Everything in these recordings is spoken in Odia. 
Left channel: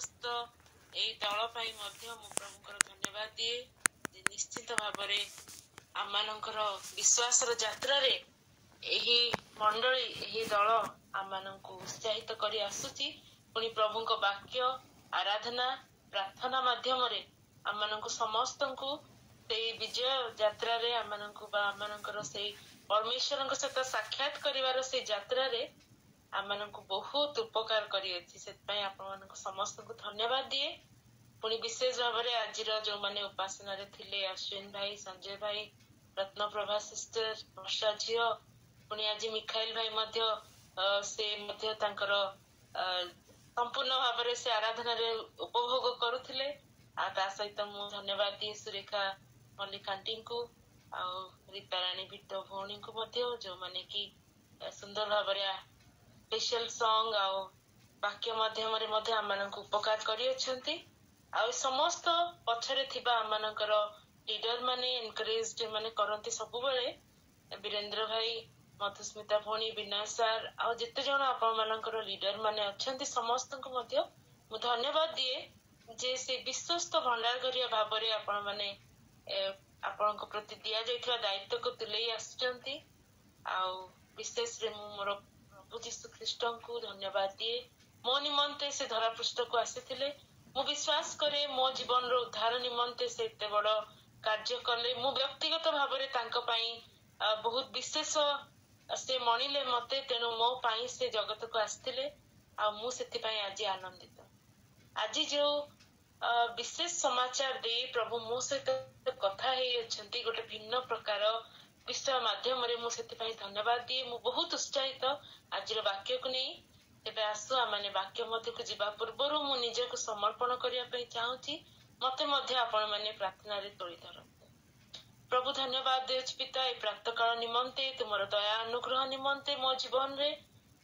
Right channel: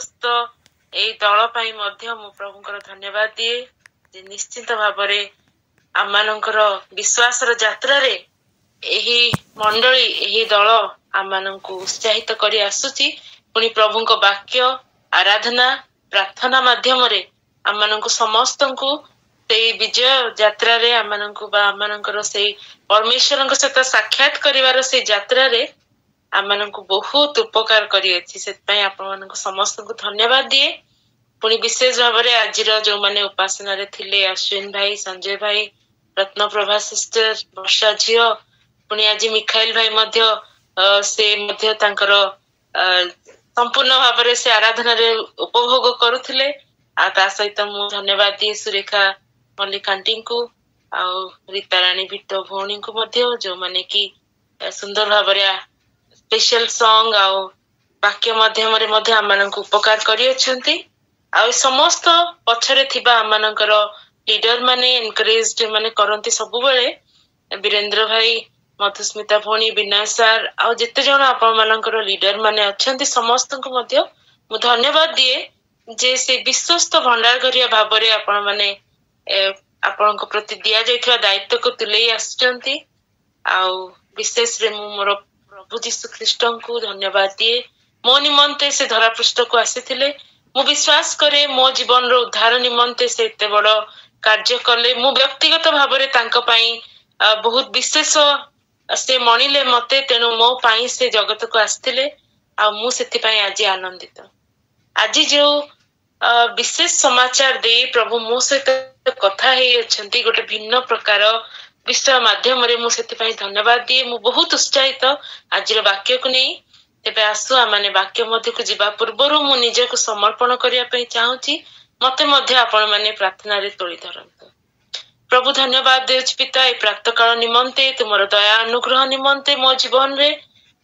ବିଶ୍ୱସ୍ତ ଏଇ ଦଳ ପାଇଁ ମଧ୍ୟ ମୁଁ ପ୍ରଭୁଙ୍କର ଧନ୍ୟବାଦ ଦିଏ ଯେ ନିଶ୍ଚିତ ଭାବରେ ଆମମାନଙ୍କର ବିଶ୍ୱାସର ଯାତ୍ରାରେ ଏହି ମଣ୍ଡଳୀ ଏହି ଦଳ ଆମମାନଙ୍କୁ ଉତ୍ସାହିତ କରି ଆସୁଛି। ପୁଣି ପ୍ରଭୁଙ୍କ ବାକ୍ୟ ଆରାଧନା ପ୍ରାର୍ଥନା ମାଧ୍ୟମରେ ଆମମାନଙ୍କୁ ସମସ୍ତଙ୍କୁ ସେଇ ବିଜୟ ଯାତ୍ରାରେ ଆମମାନଙ୍କୁ ବା ଆମମାନଙ୍କର ସେଇ ପରମେଶ୍ୱରଙ୍କ ସହିତ ସାକ୍ଷାତ କରିବାର ସେଇ ଯାତ୍ରାରେ ଆମମାନଙ୍କୁ ବହୁତ ଉପକାର କରିଅଛି। ସେଥିପାଇଁ ଆପଣମାନଙ୍କୁ ସମସ୍ତଙ୍କୁ ଧନ୍ୟବାଦ ଦିଏ। ପୁଣି ବିଶେଷ ଭାବରେ ଆଜିର ଯୋଉମାନେ ଉପାସନାରେ ଥିଲେ ଅଶ୍ୱିନ ଭାଇ, ସଞ୍ଜୟ ଭାଇ, ରତ୍ନପ୍ରଭା ସିଷ୍ଟର, ବର୍ଷା ଝିଅ, ପୁଣି ଆଜି ମିଖାଇଲ ଭାଇ ମଧ୍ୟ ସେ ମଧ୍ୟ ତାଙ୍କର ସମ୍ପୂର୍ଣ୍ଣ ଭାବରେ ସେ ଆରାଧନାରେ ଉପଭୋଗ କରୁଥିଲେ। ଆଉ ତା ସହିତ ମୁଁ ଧନ୍ୟବାଦ ଦିଏ ସୁରେଖା ମଲ୍ଲିକ ଆଣ୍ଟିଙ୍କୁ ଆଉ ରୀତାରାଣୀ ବିଟ ଭଉଣୀଙ୍କୁ ମଧ୍ୟ, ଯୋଉମାନେ କି ସୁନ୍ଦର ଭାବରେ ସ୍ପେଶାଲ ସଙ୍ଗ ଆଉ ବାକ୍ୟ ମାଧ୍ୟମରେ ମଧ୍ୟ ଆମମାନଙ୍କୁ ଉପକାର କରିଅଛନ୍ତି। ଆଉ ସମସ୍ତ ପଛରେ ଥିବା ଆମମାନଙ୍କର ଲିଡର ମାନେ ଏନକରେଜ ମାନେ କରନ୍ତି ସବୁବେଳେ, ବୀରେନ୍ଦ୍ର ଭାଇ, ମଧୁସ୍ମିତା ଭଉଣୀ, ବିନୟ ସାର୍ ଆଉ ଯେତେ ଜଣ ଆପଣ ମାନଙ୍କର ଲିଡର ମାନେ ଅଛନ୍ତି ସମସ୍ତଙ୍କୁ ମଧ୍ୟ ମୁଁ ଧନ୍ୟବାଦ ଦିଏ ଯେ ସେ ବିଶ୍ୱସ୍ତ ଭଣ୍ଡାରଘରିଆ ଭାବରେ ଆପଣ ମାନେ ଆପଣଙ୍କ ପ୍ରତି ଦିଆଯାଇଥିବା ଦାୟିତ୍ୱକୁ ତୁଲେଇ ଆସିଛନ୍ତି। ଆଉ ବିଶେଷରେ ମୁଁ ମୋର ପ୍ରଭୁ ଯୀଶୁ ଖ୍ରୀଷ୍ଟଙ୍କୁ ଧନ୍ୟବାଦ ଦିଏ। ମୋ ନିମନ୍ତେ ସେ ଧରାପୃଷ୍ଠକୁ ଆସିଥିଲେ। ମୁଁ ବିଶ୍ୱାସ କରେ ମୋ ଜୀବନର ଉଦ୍ଧାର ନିମନ୍ତେ ସେ ଏତେ ବଡ କାର୍ଯ୍ୟ କଲେ। ମୁଁ ବ୍ୟକ୍ତିଗତ ଭାବରେ ତାଙ୍କ ପାଇଁ ବହୁତ ବିଶେଷ ସେ ମଣିଲେ ମତେ, ତେଣୁ ମୋ ପାଇଁ ସେ ଜଗତକୁ ଆସିଥିଲେ ଆଉ ମୁଁ ସେଥିପାଇଁ ଆଜି ଆନନ୍ଦିତ। ଆଜି ଯୋଉ ବିଶେଷ ସମାଚାର ଦେଇ ପ୍ରଭୁ ମୋ ସହିତ କଥା ହେଇଅଛନ୍ତି ଗୋଟେ ଭିନ୍ନ ପ୍ରକାର ବିଷୟ ମାଧ୍ୟମରେ, ମୁଁ ସେଥିପାଇଁ ଧନ୍ୟବାଦ ଦିଏ। ମୁଁ ବହୁତ ଉତ୍ସାହିତ ଆଜିର ବାକ୍ୟକୁ ନେଇ। ତେବେ ଆସୁ ଆମେ ବାକ୍ୟ ମଧ୍ୟକୁ ଯିବା ପୂର୍ବରୁ ମୁଁ ନିଜକୁ ସମର୍ପଣ କରିବା ପାଇଁ ଚାହୁଁଛି। ମତେ ମଧ୍ୟ ଆପଣ ମାନେ ପ୍ରାର୍ଥନାରେ ତୋଳି ଧରନ୍ତୁ। ପ୍ରଭୁ ଧନ୍ୟବାଦ ଦେଉଛି ପିତା ଏ ପ୍ରାତଃକାଳ ନିମନ୍ତେ, ତୁମର ଦୟା ଅନୁଗ୍ରହ ନିମନ୍ତେ ମୋ ଜୀବନରେ।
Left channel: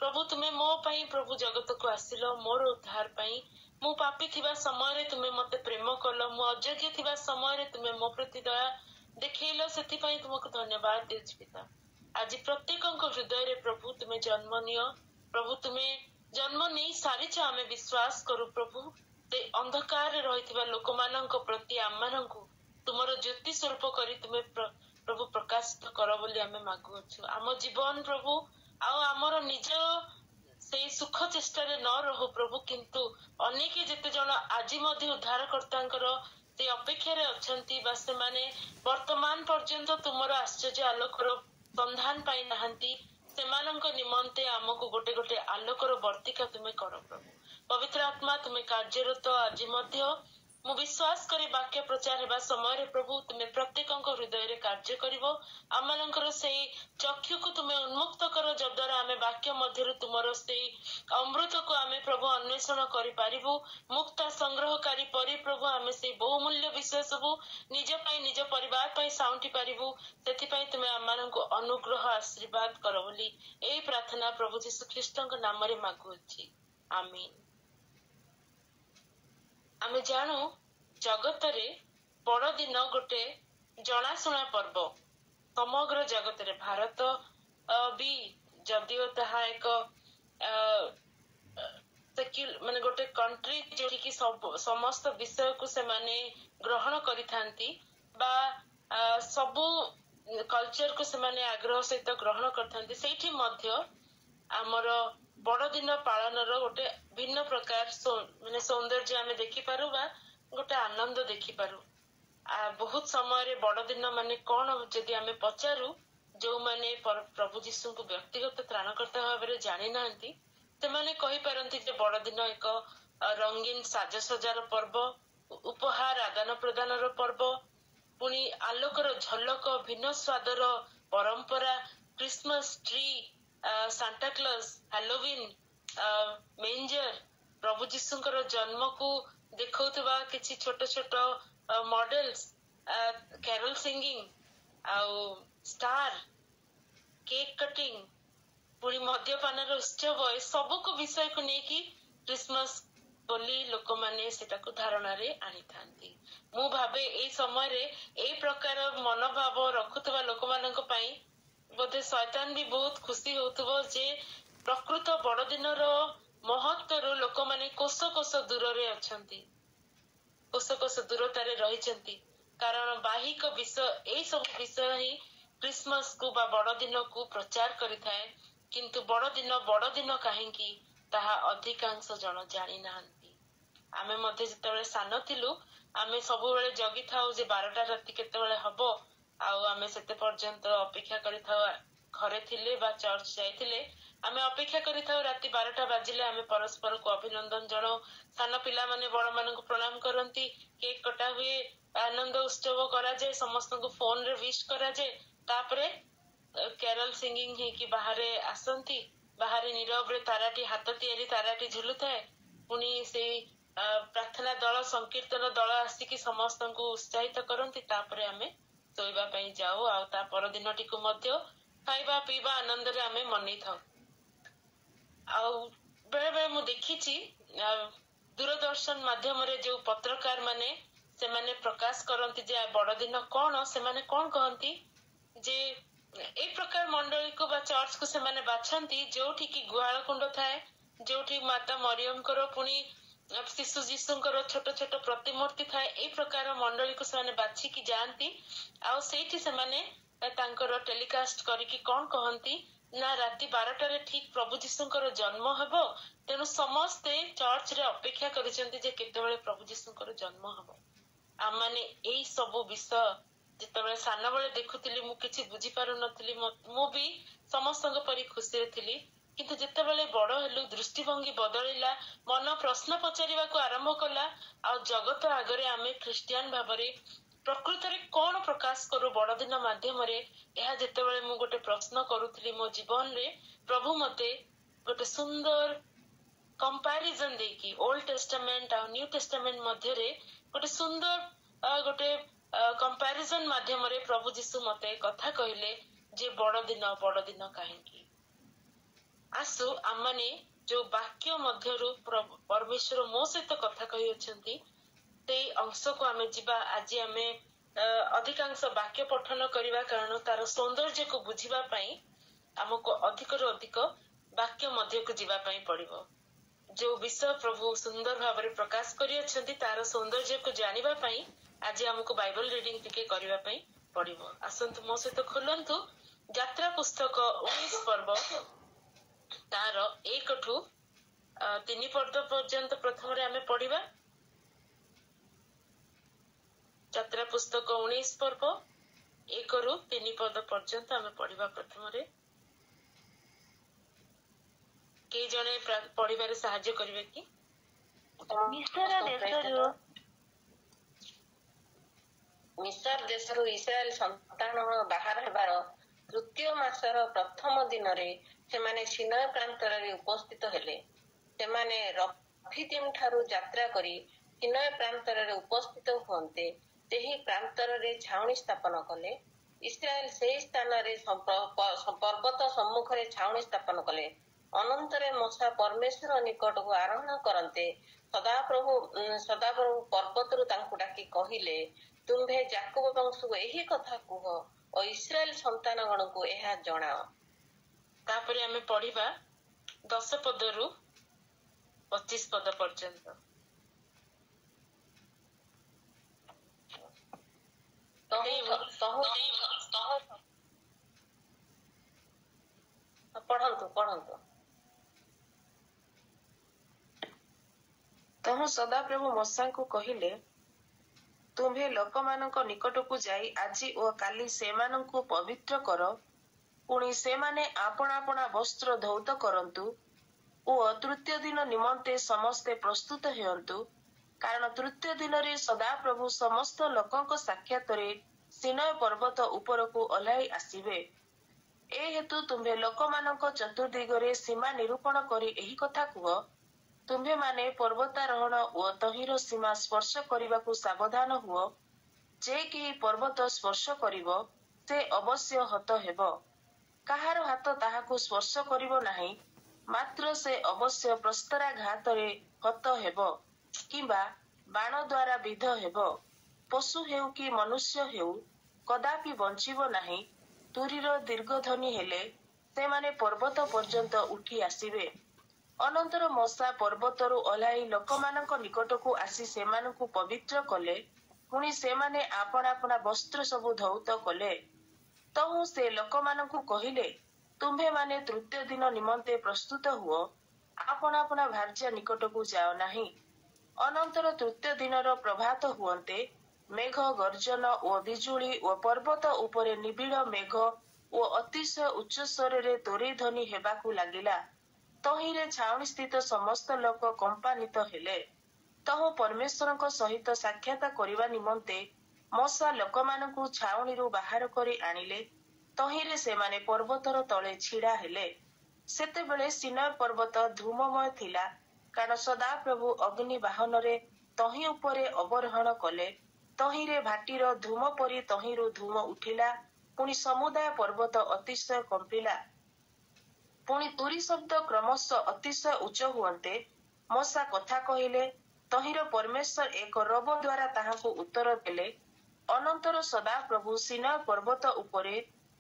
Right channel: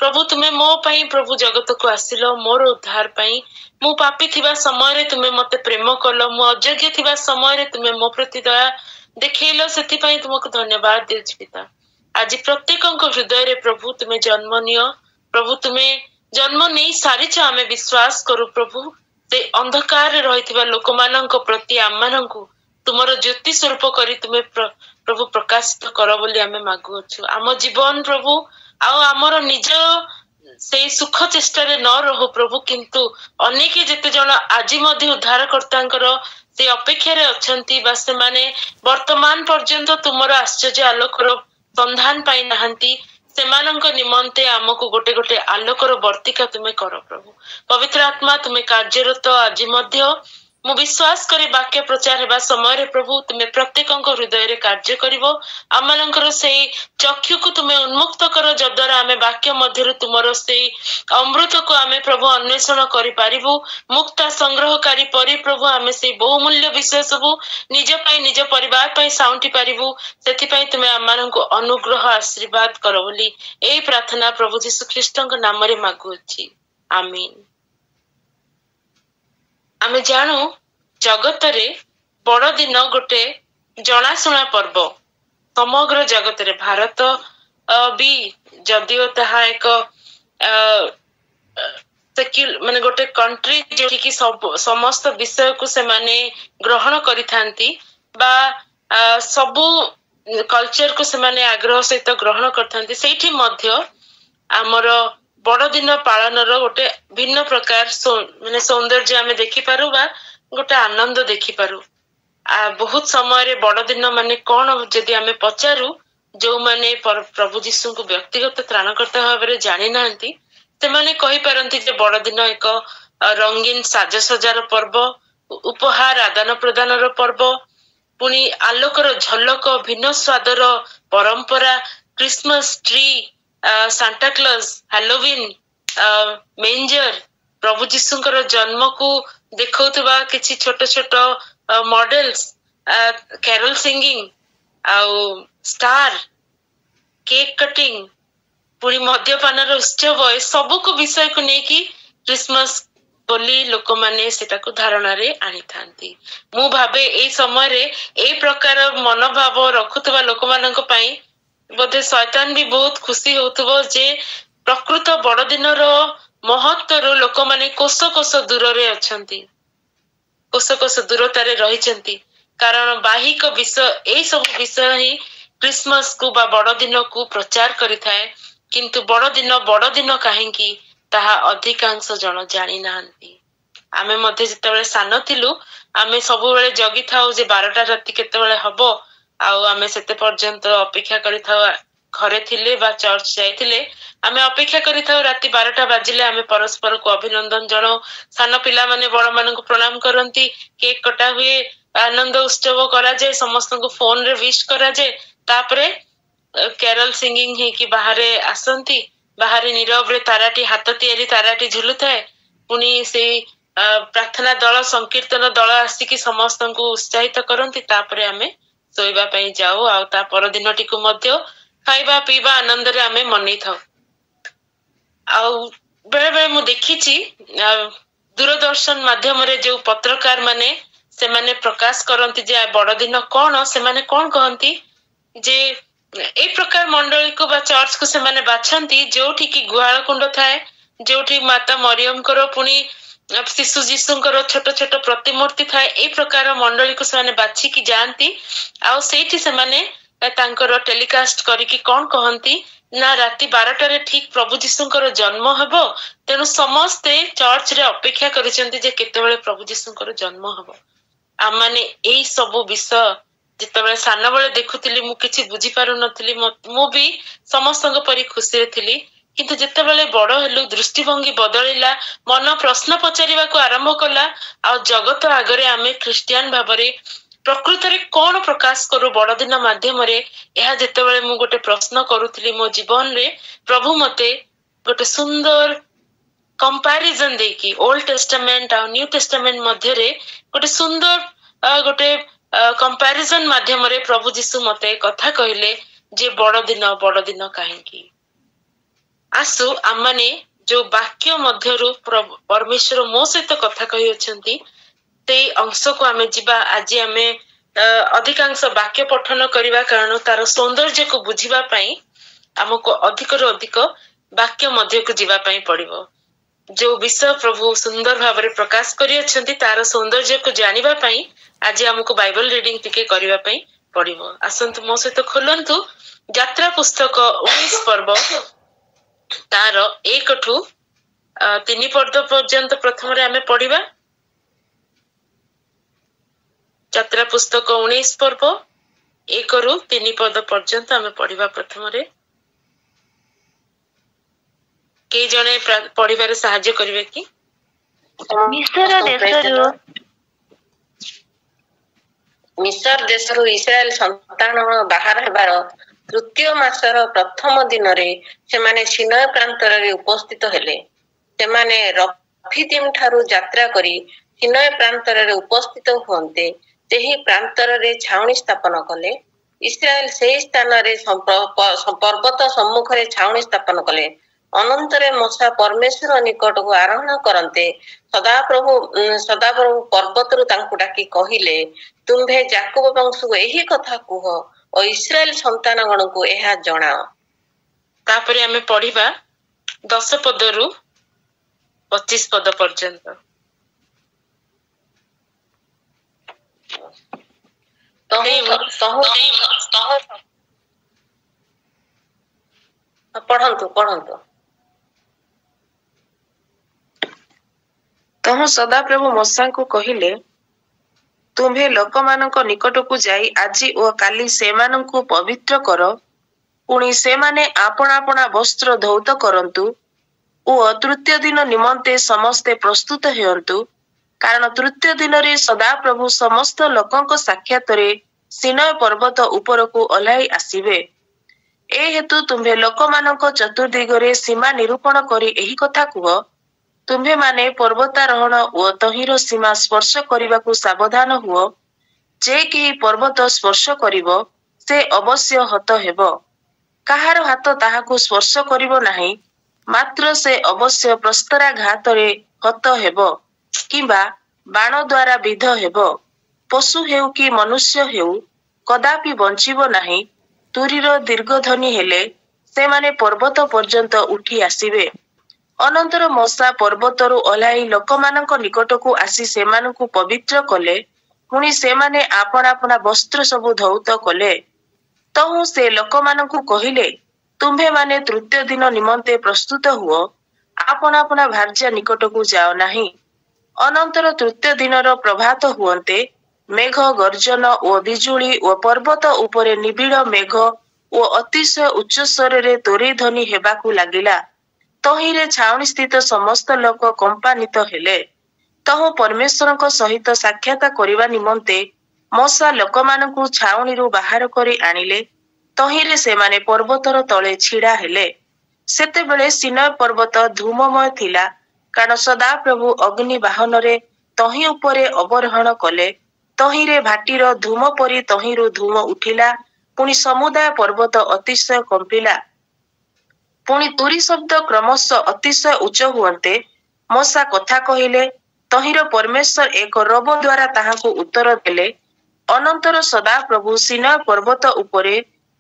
ପ୍ରଭୁ ତୁମେ ମୋ ପାଇଁ ପ୍ରଭୁ ଜଗତକୁ ଆସିଲ ମୋର ଉଦ୍ଧାର ପାଇଁ। ମୁଁ ପାପୀ ଥିବା ସମୟରେ ତୁମେ ମତେ ପ୍ରେମ କଲ, ମୁଁ ଅଯୋଗ୍ୟ ଥିବା ସମୟରେ ତୁମେ ମୋ ପ୍ରତି ଦୟା ଦେଖେଇଲ, ସେଥିପାଇଁ ତୁମକୁ ଧନ୍ୟବାଦ ଦେଉଛି ପିତା। ଆଜି ପ୍ରତ୍ୟେକଙ୍କ ହୃଦୟରେ ପ୍ରଭୁ ତୁମେ ଜନ୍ମ ନିଅ। ପ୍ରଭୁ ତୁମେ ଜନ୍ମ ନେଇ ସାରିଛ ଆମେ ବିଶ୍ୱାସ କରୁ ପ୍ରଭୁ। ସେ ଅନ୍ଧକାରରେ ରହିଥିବା ଲୋକମାନଙ୍କ ପ୍ରତି ଆମମାନଙ୍କୁ ତୁମର ଜ୍ୟୋତି ସ୍ୱରୂପ କରି ତୁମେ ପ୍ରଭୁ ପ୍ରକାଶିତ କର ବୋଲି ଆମେ ମାଗୁଅଛୁ। ଆମ ଜୀବନ ପ୍ରଭୁ ଆଉ ଆମର ନିଜ ସେଇ ସୁଖ ଚେଷ୍ଟାରେ ନ ରହୁ ପ୍ରଭୁ, କିନ୍ତୁ ଅନେକ ଯେତେ ଜଣ ଆଜି ମଧ୍ୟ ଉଦ୍ଧାରକର୍ତ୍ତାଙ୍କର ସେ ଅପେକ୍ଷାରେ ଅଛନ୍ତି ବା ସେମାନେ ବର୍ତ୍ତମାନ ପର୍ଯ୍ୟନ୍ତ ତୁମର ଆଶ୍ଚର୍ଯ୍ୟ ଆଲୋକର ସନ୍ଧାନ ପାଇ ନାହାନ୍ତି, ସେମାନଙ୍କ ନିମନ୍ତେ ଆମକୁ ଗୋଟେ ଗୋଟେ ଆଲୋକର ବର୍ତ୍ତିକା ତୁମେ କର ପ୍ରଭୁ। ପବିତ୍ର ଆତ୍ମା ତୁମେ କାର୍ଯ୍ୟରତ ଆଜି ମଧ୍ୟ। ମୁଁ ବିଶ୍ୱାସ କରି ବାକ୍ୟ ପ୍ରଚାର ହେବା ସମୟରେ ପ୍ରଭୁ ତୁମେ ପ୍ରତ୍ୟେକଙ୍କ ହୃଦୟରେ କାର୍ଯ୍ୟ କରିବ। ଆମମାନଙ୍କର ସେଇ ଚକ୍ଷୁକୁ ତୁମେ ଉନ୍ମୁକ୍ତ କର, ଯଦ୍ୱାରା ଆମେ ବାକ୍ୟ ମଧ୍ୟରୁ ତୁମର ସେଇ ଅମୃତକୁ ଆମେ ପ୍ରଭୁ ଅନ୍ୱେଷଣ କରିପାରିବୁ। ମୁକ୍ତା ସଂଗ୍ରହକାରୀ ପରି ପ୍ରଭୁ ଆମେ ସେଇ ବହୁମୂଲ୍ୟ ବିଷୟ ସବୁ ନିଜ ପାଇଁ ନିଜ ପରିବାର ପାଇଁ ସାଉଁଟି ପାରିବୁ। ସେଥିପାଇଁ ତୁମେ ଆମମାନଙ୍କୁ ଅନୁଗ୍ରହ ଆଶୀର୍ବାଦ କର ବୋଲି ଏଇ ପ୍ରାର୍ଥନା ପ୍ରଭୁ ଯୀଶୁ ଖ୍ରୀଷ୍ଟଙ୍କ ନାମରେ ମାଗୁଅଛି, ଆମିନ। ଆମେ ଜାଣୁ ଜଗତରେ ବଡଦିନ ଗୋଟେ ଜଣାଶୁଣା ପର୍ବ। ସମଗ୍ର ଜଗତରେ ଭାରତ ବି ଯଦିଓ ତାହା ଏକ ମାନେ ଗୋଟେ କଣ୍ଟ୍ରି ଯୋଉଠିକି ସମସ୍ତ ବିଷୟକୁ ସେମାନେ ଗ୍ରହଣ କରିଥାନ୍ତି ବା ସବୁ କଲଚରକୁ ସେମାନେ ଆଗ୍ରହ ସହିତ ଗ୍ରହଣ କରିଥାନ୍ତି, ସେଇଠି ମଧ୍ୟ ଆମର ବଡଦିନ ପାଳନର ଗୋଟେ ଭିନ୍ନ ପ୍ରକାର ମାନେ ସୌନ୍ଦର୍ଯ୍ୟ ଆମେ ଦେଖିପାରୁ ବା ଗୋଟେ ଆନନ୍ଦ ଦେଖିପାରୁ। ବହୁତ ସମୟରେ ବଡଦିନ ମାନେ କଣ ଯଦି ଆମେ ପଚାରୁ, ଯୋଉମାନେ ପ୍ରଭୁ ଯୀଶୁଙ୍କୁ ବ୍ୟକ୍ତିଗତ ତ୍ରାଣକର୍ତ୍ତା ଭାବରେ ଜାଣିନାହାନ୍ତି ସେମାନେ କହିପାରନ୍ତି ଯେ ବଡଦିନ ଏକ ରଙ୍ଗୀନ ସାଜସଜାର ପର୍ବ, ଉପହାର ଆଦାନ ପ୍ରଦାନର ପର୍ବ, ପୁଣି ଆଲୋକର ଝଲକ, ଭିନ୍ନ ସ୍ୱାଦର ପରମ୍ପରା, କ୍ରିସମସ ଟ୍ରି, ସାଣ୍ଟାକ୍ଲଜ, ହାଲୋୱିନ, ମେଞ୍ଜର, ପ୍ରଭୁ ଯୀଶୁଙ୍କର ଜନ୍ମକୁ ଦେଖାଉଥିବା କିଛି ଛୋଟ ଛୋଟ ମଡେଲ୍ସ, କ୍ୟାରୋଲ ସିଙ୍ଗିଂ, ଆଉ ଷ୍ଟାର, କେକ୍ କଟିଂ, ପୁଣି ମଦ୍ୟପାନର ଉତ୍ସବ, ଏ ସବୁକୁ ବିଷୟକୁ ନେଇକି କ୍ରିସମସ ବୋଲି ଲୋକମାନେ ସେଟାକୁ ଧାରଣାରେ ଆଣିଥାନ୍ତି। ମୁଁ ଭାବେ ଏଇ ସମୟରେ ଏଇ ପ୍ରକାର ମନୋଭାବ ରଖୁଥିବା ଲୋକମାନଙ୍କ ପାଇଁ ବୋଧେ ଶୈତାନ ବି ବହୁତ ଖୁସି ହଉଥିବ ଯେ ପ୍ରକୃତ ବଡଦିନର ମହତ୍ୱରୁ ଲୋକମାନେ କୋଶ କୋଶ ଦୂରରେ ଅଛନ୍ତି, କୋଶ କୋଶ ଦୂରତାରେ ରହିଛନ୍ତି। କାରଣ ବାହିକ ବିଷୟ, ଏଇ ସବୁ ବିଷୟ ହିଁ କ୍ରିସମସକୁ ବା ବଡଦିନକୁ ପ୍ରଚାର କରିଥାଏ। କିନ୍ତୁ ବଡଦିନ କାହିଁକି ତାହା ଅଧିକାଂଶ ଜଣ ଜାଣି ନାହାନ୍ତି। ଆମେ ମଧ୍ୟ ଯେତେବେଳେ ସାନ ଥିଲୁ ଆମେ ସବୁବେଳେ ଜଗିଥାଉ ଯେ 12ଟା ରାତି କେତେବେଳେ ହବ, ଆଉ ଆମେ ସେତେ ପର୍ଯ୍ୟନ୍ତ ଅପେକ୍ଷା କରିଥାଉ। ଘରେ ଥିଲେ ବା ଚର୍ଚ୍ଚ ଯାଇଥିଲେ ଆମେ ଅପେକ୍ଷା କରିଥାଉ, ରାତି 12ଟା ବାଜିଲେ ଆମେ ପରସ୍ପରକୁ ଅଭିନନ୍ଦନ ଜଣାଉ। ସାନ ପିଲାମାନେ ବଡମାନଙ୍କୁ ପ୍ରଣାମ କରନ୍ତି, କେକ୍ କଟା ହୁଏ, ଆନନ୍ଦ ଉତ୍ସବ କରାଯାଏ, ସମସ୍ତଙ୍କୁ ଫୋନରେ ୱିଶ୍ କରାଯାଏ। ତାପରେ କ୍ୟାରଲ ସିଙ୍ଗିଂ ହେଇକି ବାହାରେ ଆସନ୍ତି, ବାହାରେ ନୀରବରେ ତାରାଟି, ହାତ ତିଆରି ତାରାଟି ଝୁଲୁଥାଏ। ପୁଣି ସେଇ ପ୍ରାର୍ଥନା ଦଳ, ସଂକୀର୍ତ୍ତନ ଦଳ ଆସିକି ସମସ୍ତଙ୍କୁ ଉତ୍ସାହିତ କରନ୍ତି। ତାପରେ ଆମେ ଶୋଇବା ପାଇଁ ଯାଉ, ଆଉ ତା ପରଦିନଟିକୁ ମଧ୍ୟ ଖାଇବା ପିଇବା ଆନନ୍ଦରେ ଆମେ ମନେଇଥାଉ। ଆଉ ବେଳେ ବେଳେ ମୁଁ ଦେଖିଛି ଦୂରଦର୍ଶନ ମାଧ୍ୟମରେ ଯୋଉ ପତ୍ରକାର ମାନେ ସେମାନେ ପ୍ରକାଶ କରନ୍ତି ଯେ ବଡଦିନ କଣ, ସେମାନେ କଣ କହନ୍ତି ଯେ ଏଇ ପ୍ରକାର ମଣ୍ଡଳୀକୁ ବା ଚର୍ଚ୍ଚକୁ ସେମାନେ ବାଛନ୍ତି ଯୋଉଠିକି ଗୁହାଳ କୁଣ୍ଡ ଥାଏ, ଯୋଉଠି ମାତା ମରିୟମଙ୍କର ପୁଣି ଶିଶୁ ଯୀଶୁଙ୍କର ଛୋଟ ଛୋଟ ପ୍ରତିମୂର୍ତ୍ତି ଥାଏ। ଏଇ ପ୍ରକାର ମଣ୍ଡଳୀକୁ ସେମାନେ ବାଛିକି ଯାଆନ୍ତି, ଆଉ ସେଇଠି ସେମାନେ ତାଙ୍କର ଟେଲିକାଷ୍ଟ କରିକି କଣ କହନ୍ତି ନା ରାତି 12ଟାରେ ଠିକ ପ୍ରଭୁ ଯୀଶୁଙ୍କର ଜନ୍ମ ହେବ, ତେଣୁ ସମସ୍ତେ ଚର୍ଚ୍ଚରେ ଅପେକ୍ଷା କରିଛନ୍ତି ଯେ କେତେବେଳେ ପ୍ରଭୁ ଯୀଶୁଙ୍କର ଜନ୍ମ ହବ। ଆମମାନେ ଏଇ ସବୁ ବିଷୟ ଯେତେବେଳେ ସାନବେଳେ ଦେଖୁଥିଲି ମୁଁ କିଛି ବୁଝିପାରୁନଥିଲି, ମୁଁ ବି ସମସ୍ତଙ୍କ ପରି ଖୁସିରେ ଥିଲି। କିନ୍ତୁ ଯେତେବେଳେ ବଡ ହେଲୁ ଦୃଷ୍ଟିଭଙ୍ଗୀ ବଦଳିଲା, ମନ ପ୍ରଶ୍ନ ପଚାରିବାକୁ ଆରମ୍ଭ କଲା, ଆଉ ଜଗତ ଆଗରେ ଆମେ ଖ୍ରୀଷ୍ଟିଆନ ଭାବରେ ପ୍ରକୃତରେ କଣ ପ୍ରକାଶ କରୁ ବଡଦିନ ମାଧ୍ୟମରେ, ଏହା ଯେତେବେଳେ ମୁଁ ଗୋଟେ ପ୍ରଶ୍ନ କରୁଥିଲି ମୋ ଜୀବନରେ, ପ୍ରଭୁ ମତେ ଗୋଟେ ସୁନ୍ଦର କମ୍ପାରିଜନ ଦେଇକି ଓଲ୍ଡ ଟେଷ୍ଟାମେଣ୍ଟ ଆଉ ନ୍ୟୁ ଟେଷ୍ଟାମେଣ୍ଟ ମଧ୍ୟରେ ଗୋଟେ ସୁନ୍ଦର ଗୋଟେ କମ୍ପାରିଜନ ମାଧ୍ୟମରେ ପ୍ରଭୁ ଯୀଶୁ ମତେ କଥା କହିଲେ ଯେ ବଡଦିନ କାହିଁକି। ଆସୁ ଆମମାନେ ଯୋଉ ବାକ୍ୟ ମଧ୍ୟରୁ ପରମେଶ୍ୱର ମୋ ସହିତ କଥା କହିଅଛନ୍ତି ସେଇ ଅଂଶକୁ ଆମେ ଯିବା। ଆଜି ଆମେ ଅଧିକାଂଶ ବାକ୍ୟ ପଠନ କରିବା, କାରଣ ତାର ସୌନ୍ଦର୍ଯ୍ୟକୁ ବୁଝିବା ପାଇଁ ଆମକୁ ଅଧିକରୁ ଅଧିକ ବାକ୍ୟ ମଧ୍ୟକୁ ଯିବା ପାଇଁ ପଡିବ। ଯୋଉ ବିଷୟ ପ୍ରଭୁ ସୁନ୍ଦର ଭାବରେ ପ୍ରକାଶ କରିଅଛନ୍ତି ତାର ସୌନ୍ଦର୍ଯ୍ୟକୁ ଜାଣିବା ପାଇଁ ଆଜି ଆମକୁ ବାଇବଲ ରିଡିଂ ଟିକେ କରିବା ପାଇଁ ପଡିବ। ଆସନ୍ତୁ ମୋ ସହିତ ଖୋଲନ୍ତୁ ଯାତ୍ରା ପୁସ୍ତକ 19 ପର୍ବ, ତାର 1ଠୁ 3 ପଦ ପର୍ଯ୍ୟନ୍ତ ପ୍ରଥମରେ ଆମେ ପଢିବା। ଯାତ୍ରା ପୁସ୍ତକ 19 ପର୍ବ 1ରୁ 3 ପଦ ପର୍ଯ୍ୟନ୍ତ ଆମେ ପଢିବା। ପ୍ରଥମରେ କେହି ଜଣେ ପଢିବାରେ ସାହାଯ୍ୟ କରିବେ କି? ମିଶର ଦେଶରୁ ଇସ୍ରାଏଲ ସନ୍ତାନ ବାହାର ହେବାର ତୃତୀୟ ମାସର ପ୍ରଥମ ଦିନରେ ସେମାନେ ସିନୟ ପ୍ରାନ୍ତରରେ ଉପସ୍ଥିତ ହେଲେ। ସେମାନେ ରଫିଦିମ ଠାରୁ ଯାତ୍ରା କରି ସିନୟ ପ୍ରାନ୍ତରରେ ଉପସ୍ଥିତ ହୁଅନ୍ତେ ସେହି ପ୍ରାନ୍ତରରେ ଛାଉଣି ସ୍ଥାପନ କଲେ। ଇସ୍ରାଏଲ ସେହି ସ୍ଥାନରେ ପର୍ବତ ସମ୍ମୁଖରେ ଛାଉଣି ସ୍ଥାପନ କଲେ। ଅନନ୍ତରେ ମୂଷା ପରମେଶ୍ୱର ନିକଟକୁ ଆରୋହଣ କରନ୍ତେ ସଦାପ୍ରଭୁ ପର୍ବତରୁ ତାଙ୍କୁ ଡାକି କହିଲେ, ତୁମ୍ଭେ ଯାକୋବ ବଂଶକୁ ଏହି କଥା କୁହ ଓ ଇସ୍ରାଏଲ ସନ୍ତାନଗଣକୁ ଏହା ଜଣାଅ। ତାପରେ ଆମେ ପଢିବା 10 ପଦରୁ 25 ପଦ ପର୍ଯ୍ୟନ୍ତ। ପଢନ୍ତୁ। ତହୁଁ ସଦାପ୍ରଭୁ ମୂଷାଙ୍କୁ କହିଲେ, ତୁମ୍ଭେ ଲୋକମାନଙ୍କ ନିକଟକୁ ଯାଇ ଆଜି ଓ କାଲି ସେମାନଙ୍କୁ ପବିତ୍ର କର। ପୁଣି ସେମାନେ ଆପଣା ଆପଣା ବସ୍ତ୍ର ଧୌତ କରନ୍ତୁ ଓ ତୃତୀୟ ଦିନ ନିମନ୍ତେ ସମସ୍ତେ ପ୍ରସ୍ତୁତ ହେଉନ୍ତୁ। କାରଣ ତୃତୀୟ ଦିନରେ ସଦାପ୍ରଭୁ ସମସ୍ତ ଲୋକଙ୍କ ସାକ୍ଷାତରେ ସିନୟ ପର୍ବତ ଉପରକୁ ଓହ୍ଲାଇ ଆସିବେ। ଏ ହେତୁ ତୁମ୍ଭେ ଲୋକମାନଙ୍କ ଚତୁର୍ଦିଗରେ ସୀମା ନିରୂପଣ କରି ଏହି କଥା କୁହ, ତୁମ୍ଭେମାନେ ପର୍ବତାରୋହଣ ଓ ତହିଁର ସୀମା ସ୍ପର୍ଶ କରିବାକୁ ସାବଧାନ ହୁଅ। ଯେ କେହି ପର୍ବତ ସ୍ପର୍ଶ କରିବ ସେ ଅବଶ୍ୟ ହତ ହେବ। କାହାର ହାତ ତାହାକୁ ସ୍ପର୍ଶ କରିବ ନାହିଁ, ମାତ୍ର ସେ ଅବଶ୍ୟ ପ୍ରସ୍ତରାଘାତରେ ହତ ହେବ କିମ୍ବା ବାଣ ଦ୍ୱାରା ବିଦ୍ଧ ହେବ। ପଶୁ ହେଉ କି ମନୁଷ୍ୟ ହେଉ କଦାପି ବଞ୍ଚିବ ନାହିଁ। ତୁରୀର ଦୀର୍ଘଧ୍ୱନି ହେଲେ ସେମାନେ ପର୍ବତ ପର୍ଯ୍ୟନ୍ତ ଉଠି ଆସିବେ। ଅନନ୍ତର ମୂଷା ପର୍ବତରୁ ଓହ୍ଲାଇ ଲୋକମାନଙ୍କ ନିକଟକୁ ଆସି ସେମାନଙ୍କୁ ପବିତ୍ର କଲେ। ପୁଣି ସେମାନେ ଆପଣା ଆପଣା ବସ୍ତ୍ର ସବୁ ଧୌତ କଲେ। ତହୁଁ ସେ ଲୋକମାନଙ୍କୁ କହିଲେ, ତୁମ୍ଭେମାନେ ତୃତୀୟ ଦିନ ନିମନ୍ତେ ପ୍ରସ୍ତୁତ ହୁଅ, ଆପଣା ଆପଣା ଭାର୍ଯ୍ୟା ନିକଟକୁ ଯାଅ ନାହିଁ। ଅନନ୍ତର ତୃତୀୟ ଦିନର ପ୍ରଭାତ ହୁଅନ୍ତେ ମେଘ ଗର୍ଜନ ଓ ବିଜୁଳି ଓ ପର୍ବତ ଉପରେ ନିବିଡ଼ ମେଘ ଓ ଅତିଶୟ ଉଚ୍ଚ ସ୍ୱରରେ ତୋରିଧ୍ୱନି ହେବାକୁ ଲାଗିଲା। ତହିଁରେ ଛାଉଣି ସ୍ଥିତ ସମସ୍ତ ଲୋକ କମ୍ପାନ୍ୱିତ ହେଲେ। ତହୁଁ ପରମେଶ୍ୱରଙ୍କ ସହିତ ସାକ୍ଷାତ କରିବା ନିମନ୍ତେ ମୂଷା ଲୋକମାନଙ୍କୁ ଛାଉଣିରୁ ବାହାର କରି ଆଣିଲେ। ତହିଁରେ ସେମାନେ ପର୍ବତର ତଳେ ଛିଡ଼ା ହେଲେ। ସେତେବେଳେ ସିନାଇ ପର୍ବତ ଧୂମମୟ ଥିଲା, କାରଣ ସଦାପ୍ରଭୁ ଅଗ୍ନି ବାହନରେ ତହିଁ ଉପରେ ଅବରୋହଣ କଲେ। ତହିଁରେ ଭାଟିର ଧୂମ ପରି ତହିଁରୁ ଧୂମ ଉଠିଲା। ପୁଣି ସମୁଦାୟ ପର୍ବତ ଅତିଶୟ କମ୍ପିଲା। ପୁଣି ତୁରୀ ଶବ୍ଦ କ୍ରମଶଃ ଅତିଶୟ ଉଚ୍ଚ ହୁଅନ୍ତେ ମୂଷା କଥା କହିଲେ। ତହିଁର ପରମେଶ୍ୱର ଏକ ରବ ଦ୍ୱାରା ତାହାଙ୍କୁ ଉତ୍ତର ଦେଲେ। ଅନନ୍ତର ସଦାପ୍ରଭୁ ସିନାଇ ପର୍ବତ ଉପରେ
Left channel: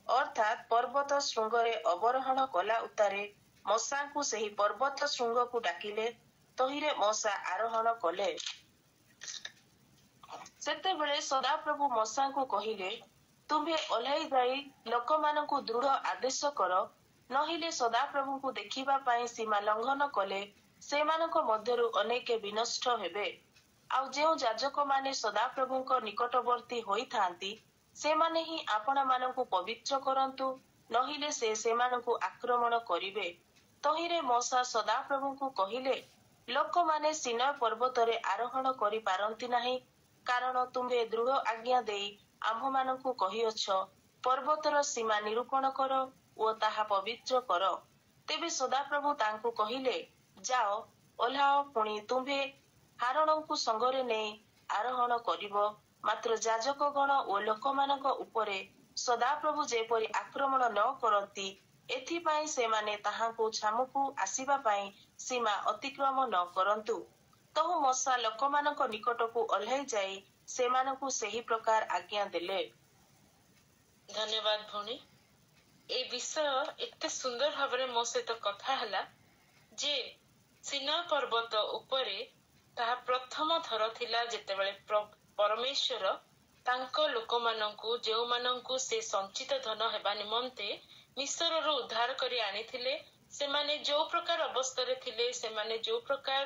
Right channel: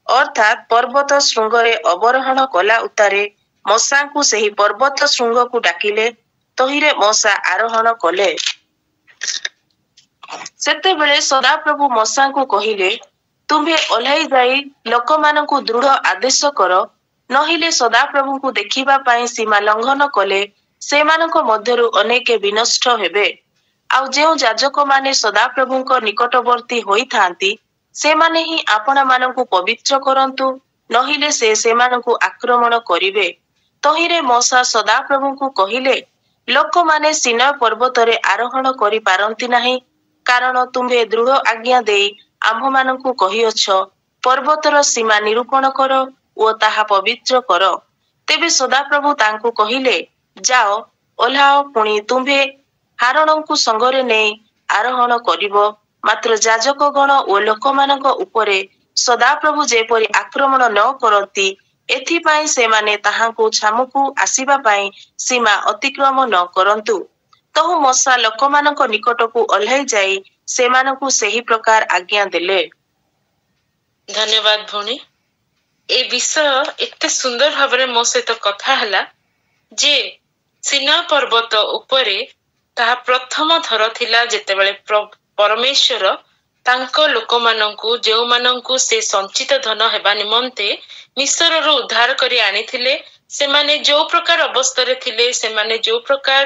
ଅର୍ଥାତ୍ ପର୍ବତ ଶୃଙ୍ଗରେ ଅବରୋହଣ କଲା ଉତ୍ତାରେ ମୂଷାଙ୍କୁ ସେହି ପର୍ବତ ଶୃଙ୍ଗକୁ ଡାକିଲେ। ତହିଁରେ ମୂଷା ଆରୋହଣ କଲେ। ସେତେବେଳେ ସଦାପ୍ରଭୁ ମୂଷାଙ୍କୁ କହିଲେ, ତୁମ୍ଭେ ଓହ୍ଲାଇ ଯାଇ ଲୋକମାନଙ୍କୁ ଦୃଢ଼ ଆଦେଶ କର, ନହିଲେ ସଦାପ୍ରଭୁଙ୍କୁ ଦେଖିବା ପାଇଁ ସୀମା ଲଙ୍ଘନ କଲେ ସେମାନଙ୍କ ମଧ୍ୟରୁ ଅନେକେ ବିନଷ୍ଟ ହେବେ। ଆଉ ଯେଉଁ ଯାଜକମାନେ ସଦାପ୍ରଭୁଙ୍କ ନିକଟବର୍ତ୍ତୀ ହୋଇଥାନ୍ତି, ସେମାନେ ହିଁ ଆପଣାମାନଙ୍କୁ ପବିତ୍ର କରନ୍ତୁ, ନହିଲେ ସେ ସେମାନଙ୍କୁ ଆକ୍ରମଣ କରିବେ। ତହିଁରେ ମୂଷା ସଦାପ୍ରଭୁଙ୍କୁ କହିଲେ, ଲୋକମାନେ ସିନାଇ ପର୍ବତରେ ଆରୋହଣ କରିପାରନ୍ତି ନାହିଁ, କାରଣ ତୁମ୍ଭେ ଦୃଢ଼ ଆଜ୍ଞା ଦେଇ ଆମ୍ଭମାନଙ୍କୁ କହିଅଛ, ପର୍ବତର ସୀମା ନିରୂପଣ କର ଓ ତାହା ପବିତ୍ର କର। ତେବେ ସଦାପ୍ରଭୁ ତାଙ୍କୁ କହିଲେ, ଯାଅ, ଓହ୍ଲାଅ, ପୁଣି ତୁମ୍ଭେ ହାରଣଙ୍କୁ ସଙ୍ଗରେ ନେଇ ଆରୋହଣ କରିବ। ମାତ୍ର ଯାଜକଗଣ ଓ ଲୋକମାନଙ୍କ ଉପରେ ସଦାପ୍ରଭୁ ଯେପରି ଆକ୍ରମଣ ନ କରନ୍ତି, ଏଥିପାଇଁ ସେମାନେ ତାହାଙ୍କୁ ଛାମୁକୁ ଆସିବା ପାଇଁ ସୀମା ଅତିକ୍ରମ ନ କରନ୍ତୁ। ତହୁଁ ମୂଷା ଲୋକମାନଙ୍କ ନିକଟକୁ ଓହ୍ଲାଇ ଯାଇ ସେମାନଙ୍କୁ ସେହି ପ୍ରକାର ଆଜ୍ଞା ଦେଲେ। ଧନ୍ୟବାଦ ଭଉଣୀ। ଏ ବିଷୟ ଏତେ ସୁନ୍ଦର ଭାବରେ ମୋ ସହିତ କଥା ହେଲା ଯେ ସିନାଇ ପର୍ବତ ଉପରେ ତାହା ପ୍ରଥମ ଥର ଥିଲା ଯେତେବେଳେ ପରମେଶ୍ୱର ତାଙ୍କ ଲୋକମାନଙ୍କୁ, ଯେଉଁମାନଙ୍କୁ ସେ ସଞ୍ଚିତ ଧନ ହେବା ନିମନ୍ତେ ମିଶରରୁ ଉଦ୍ଧାର କରି ଆଣିଥିଲେ, ସେମାନେ ଯୋଉ ପ୍ରକାର ଅବସ୍ଥାରେ ଥିଲେ, ସେମାନେ ଯୋଉ ପ୍ରକାର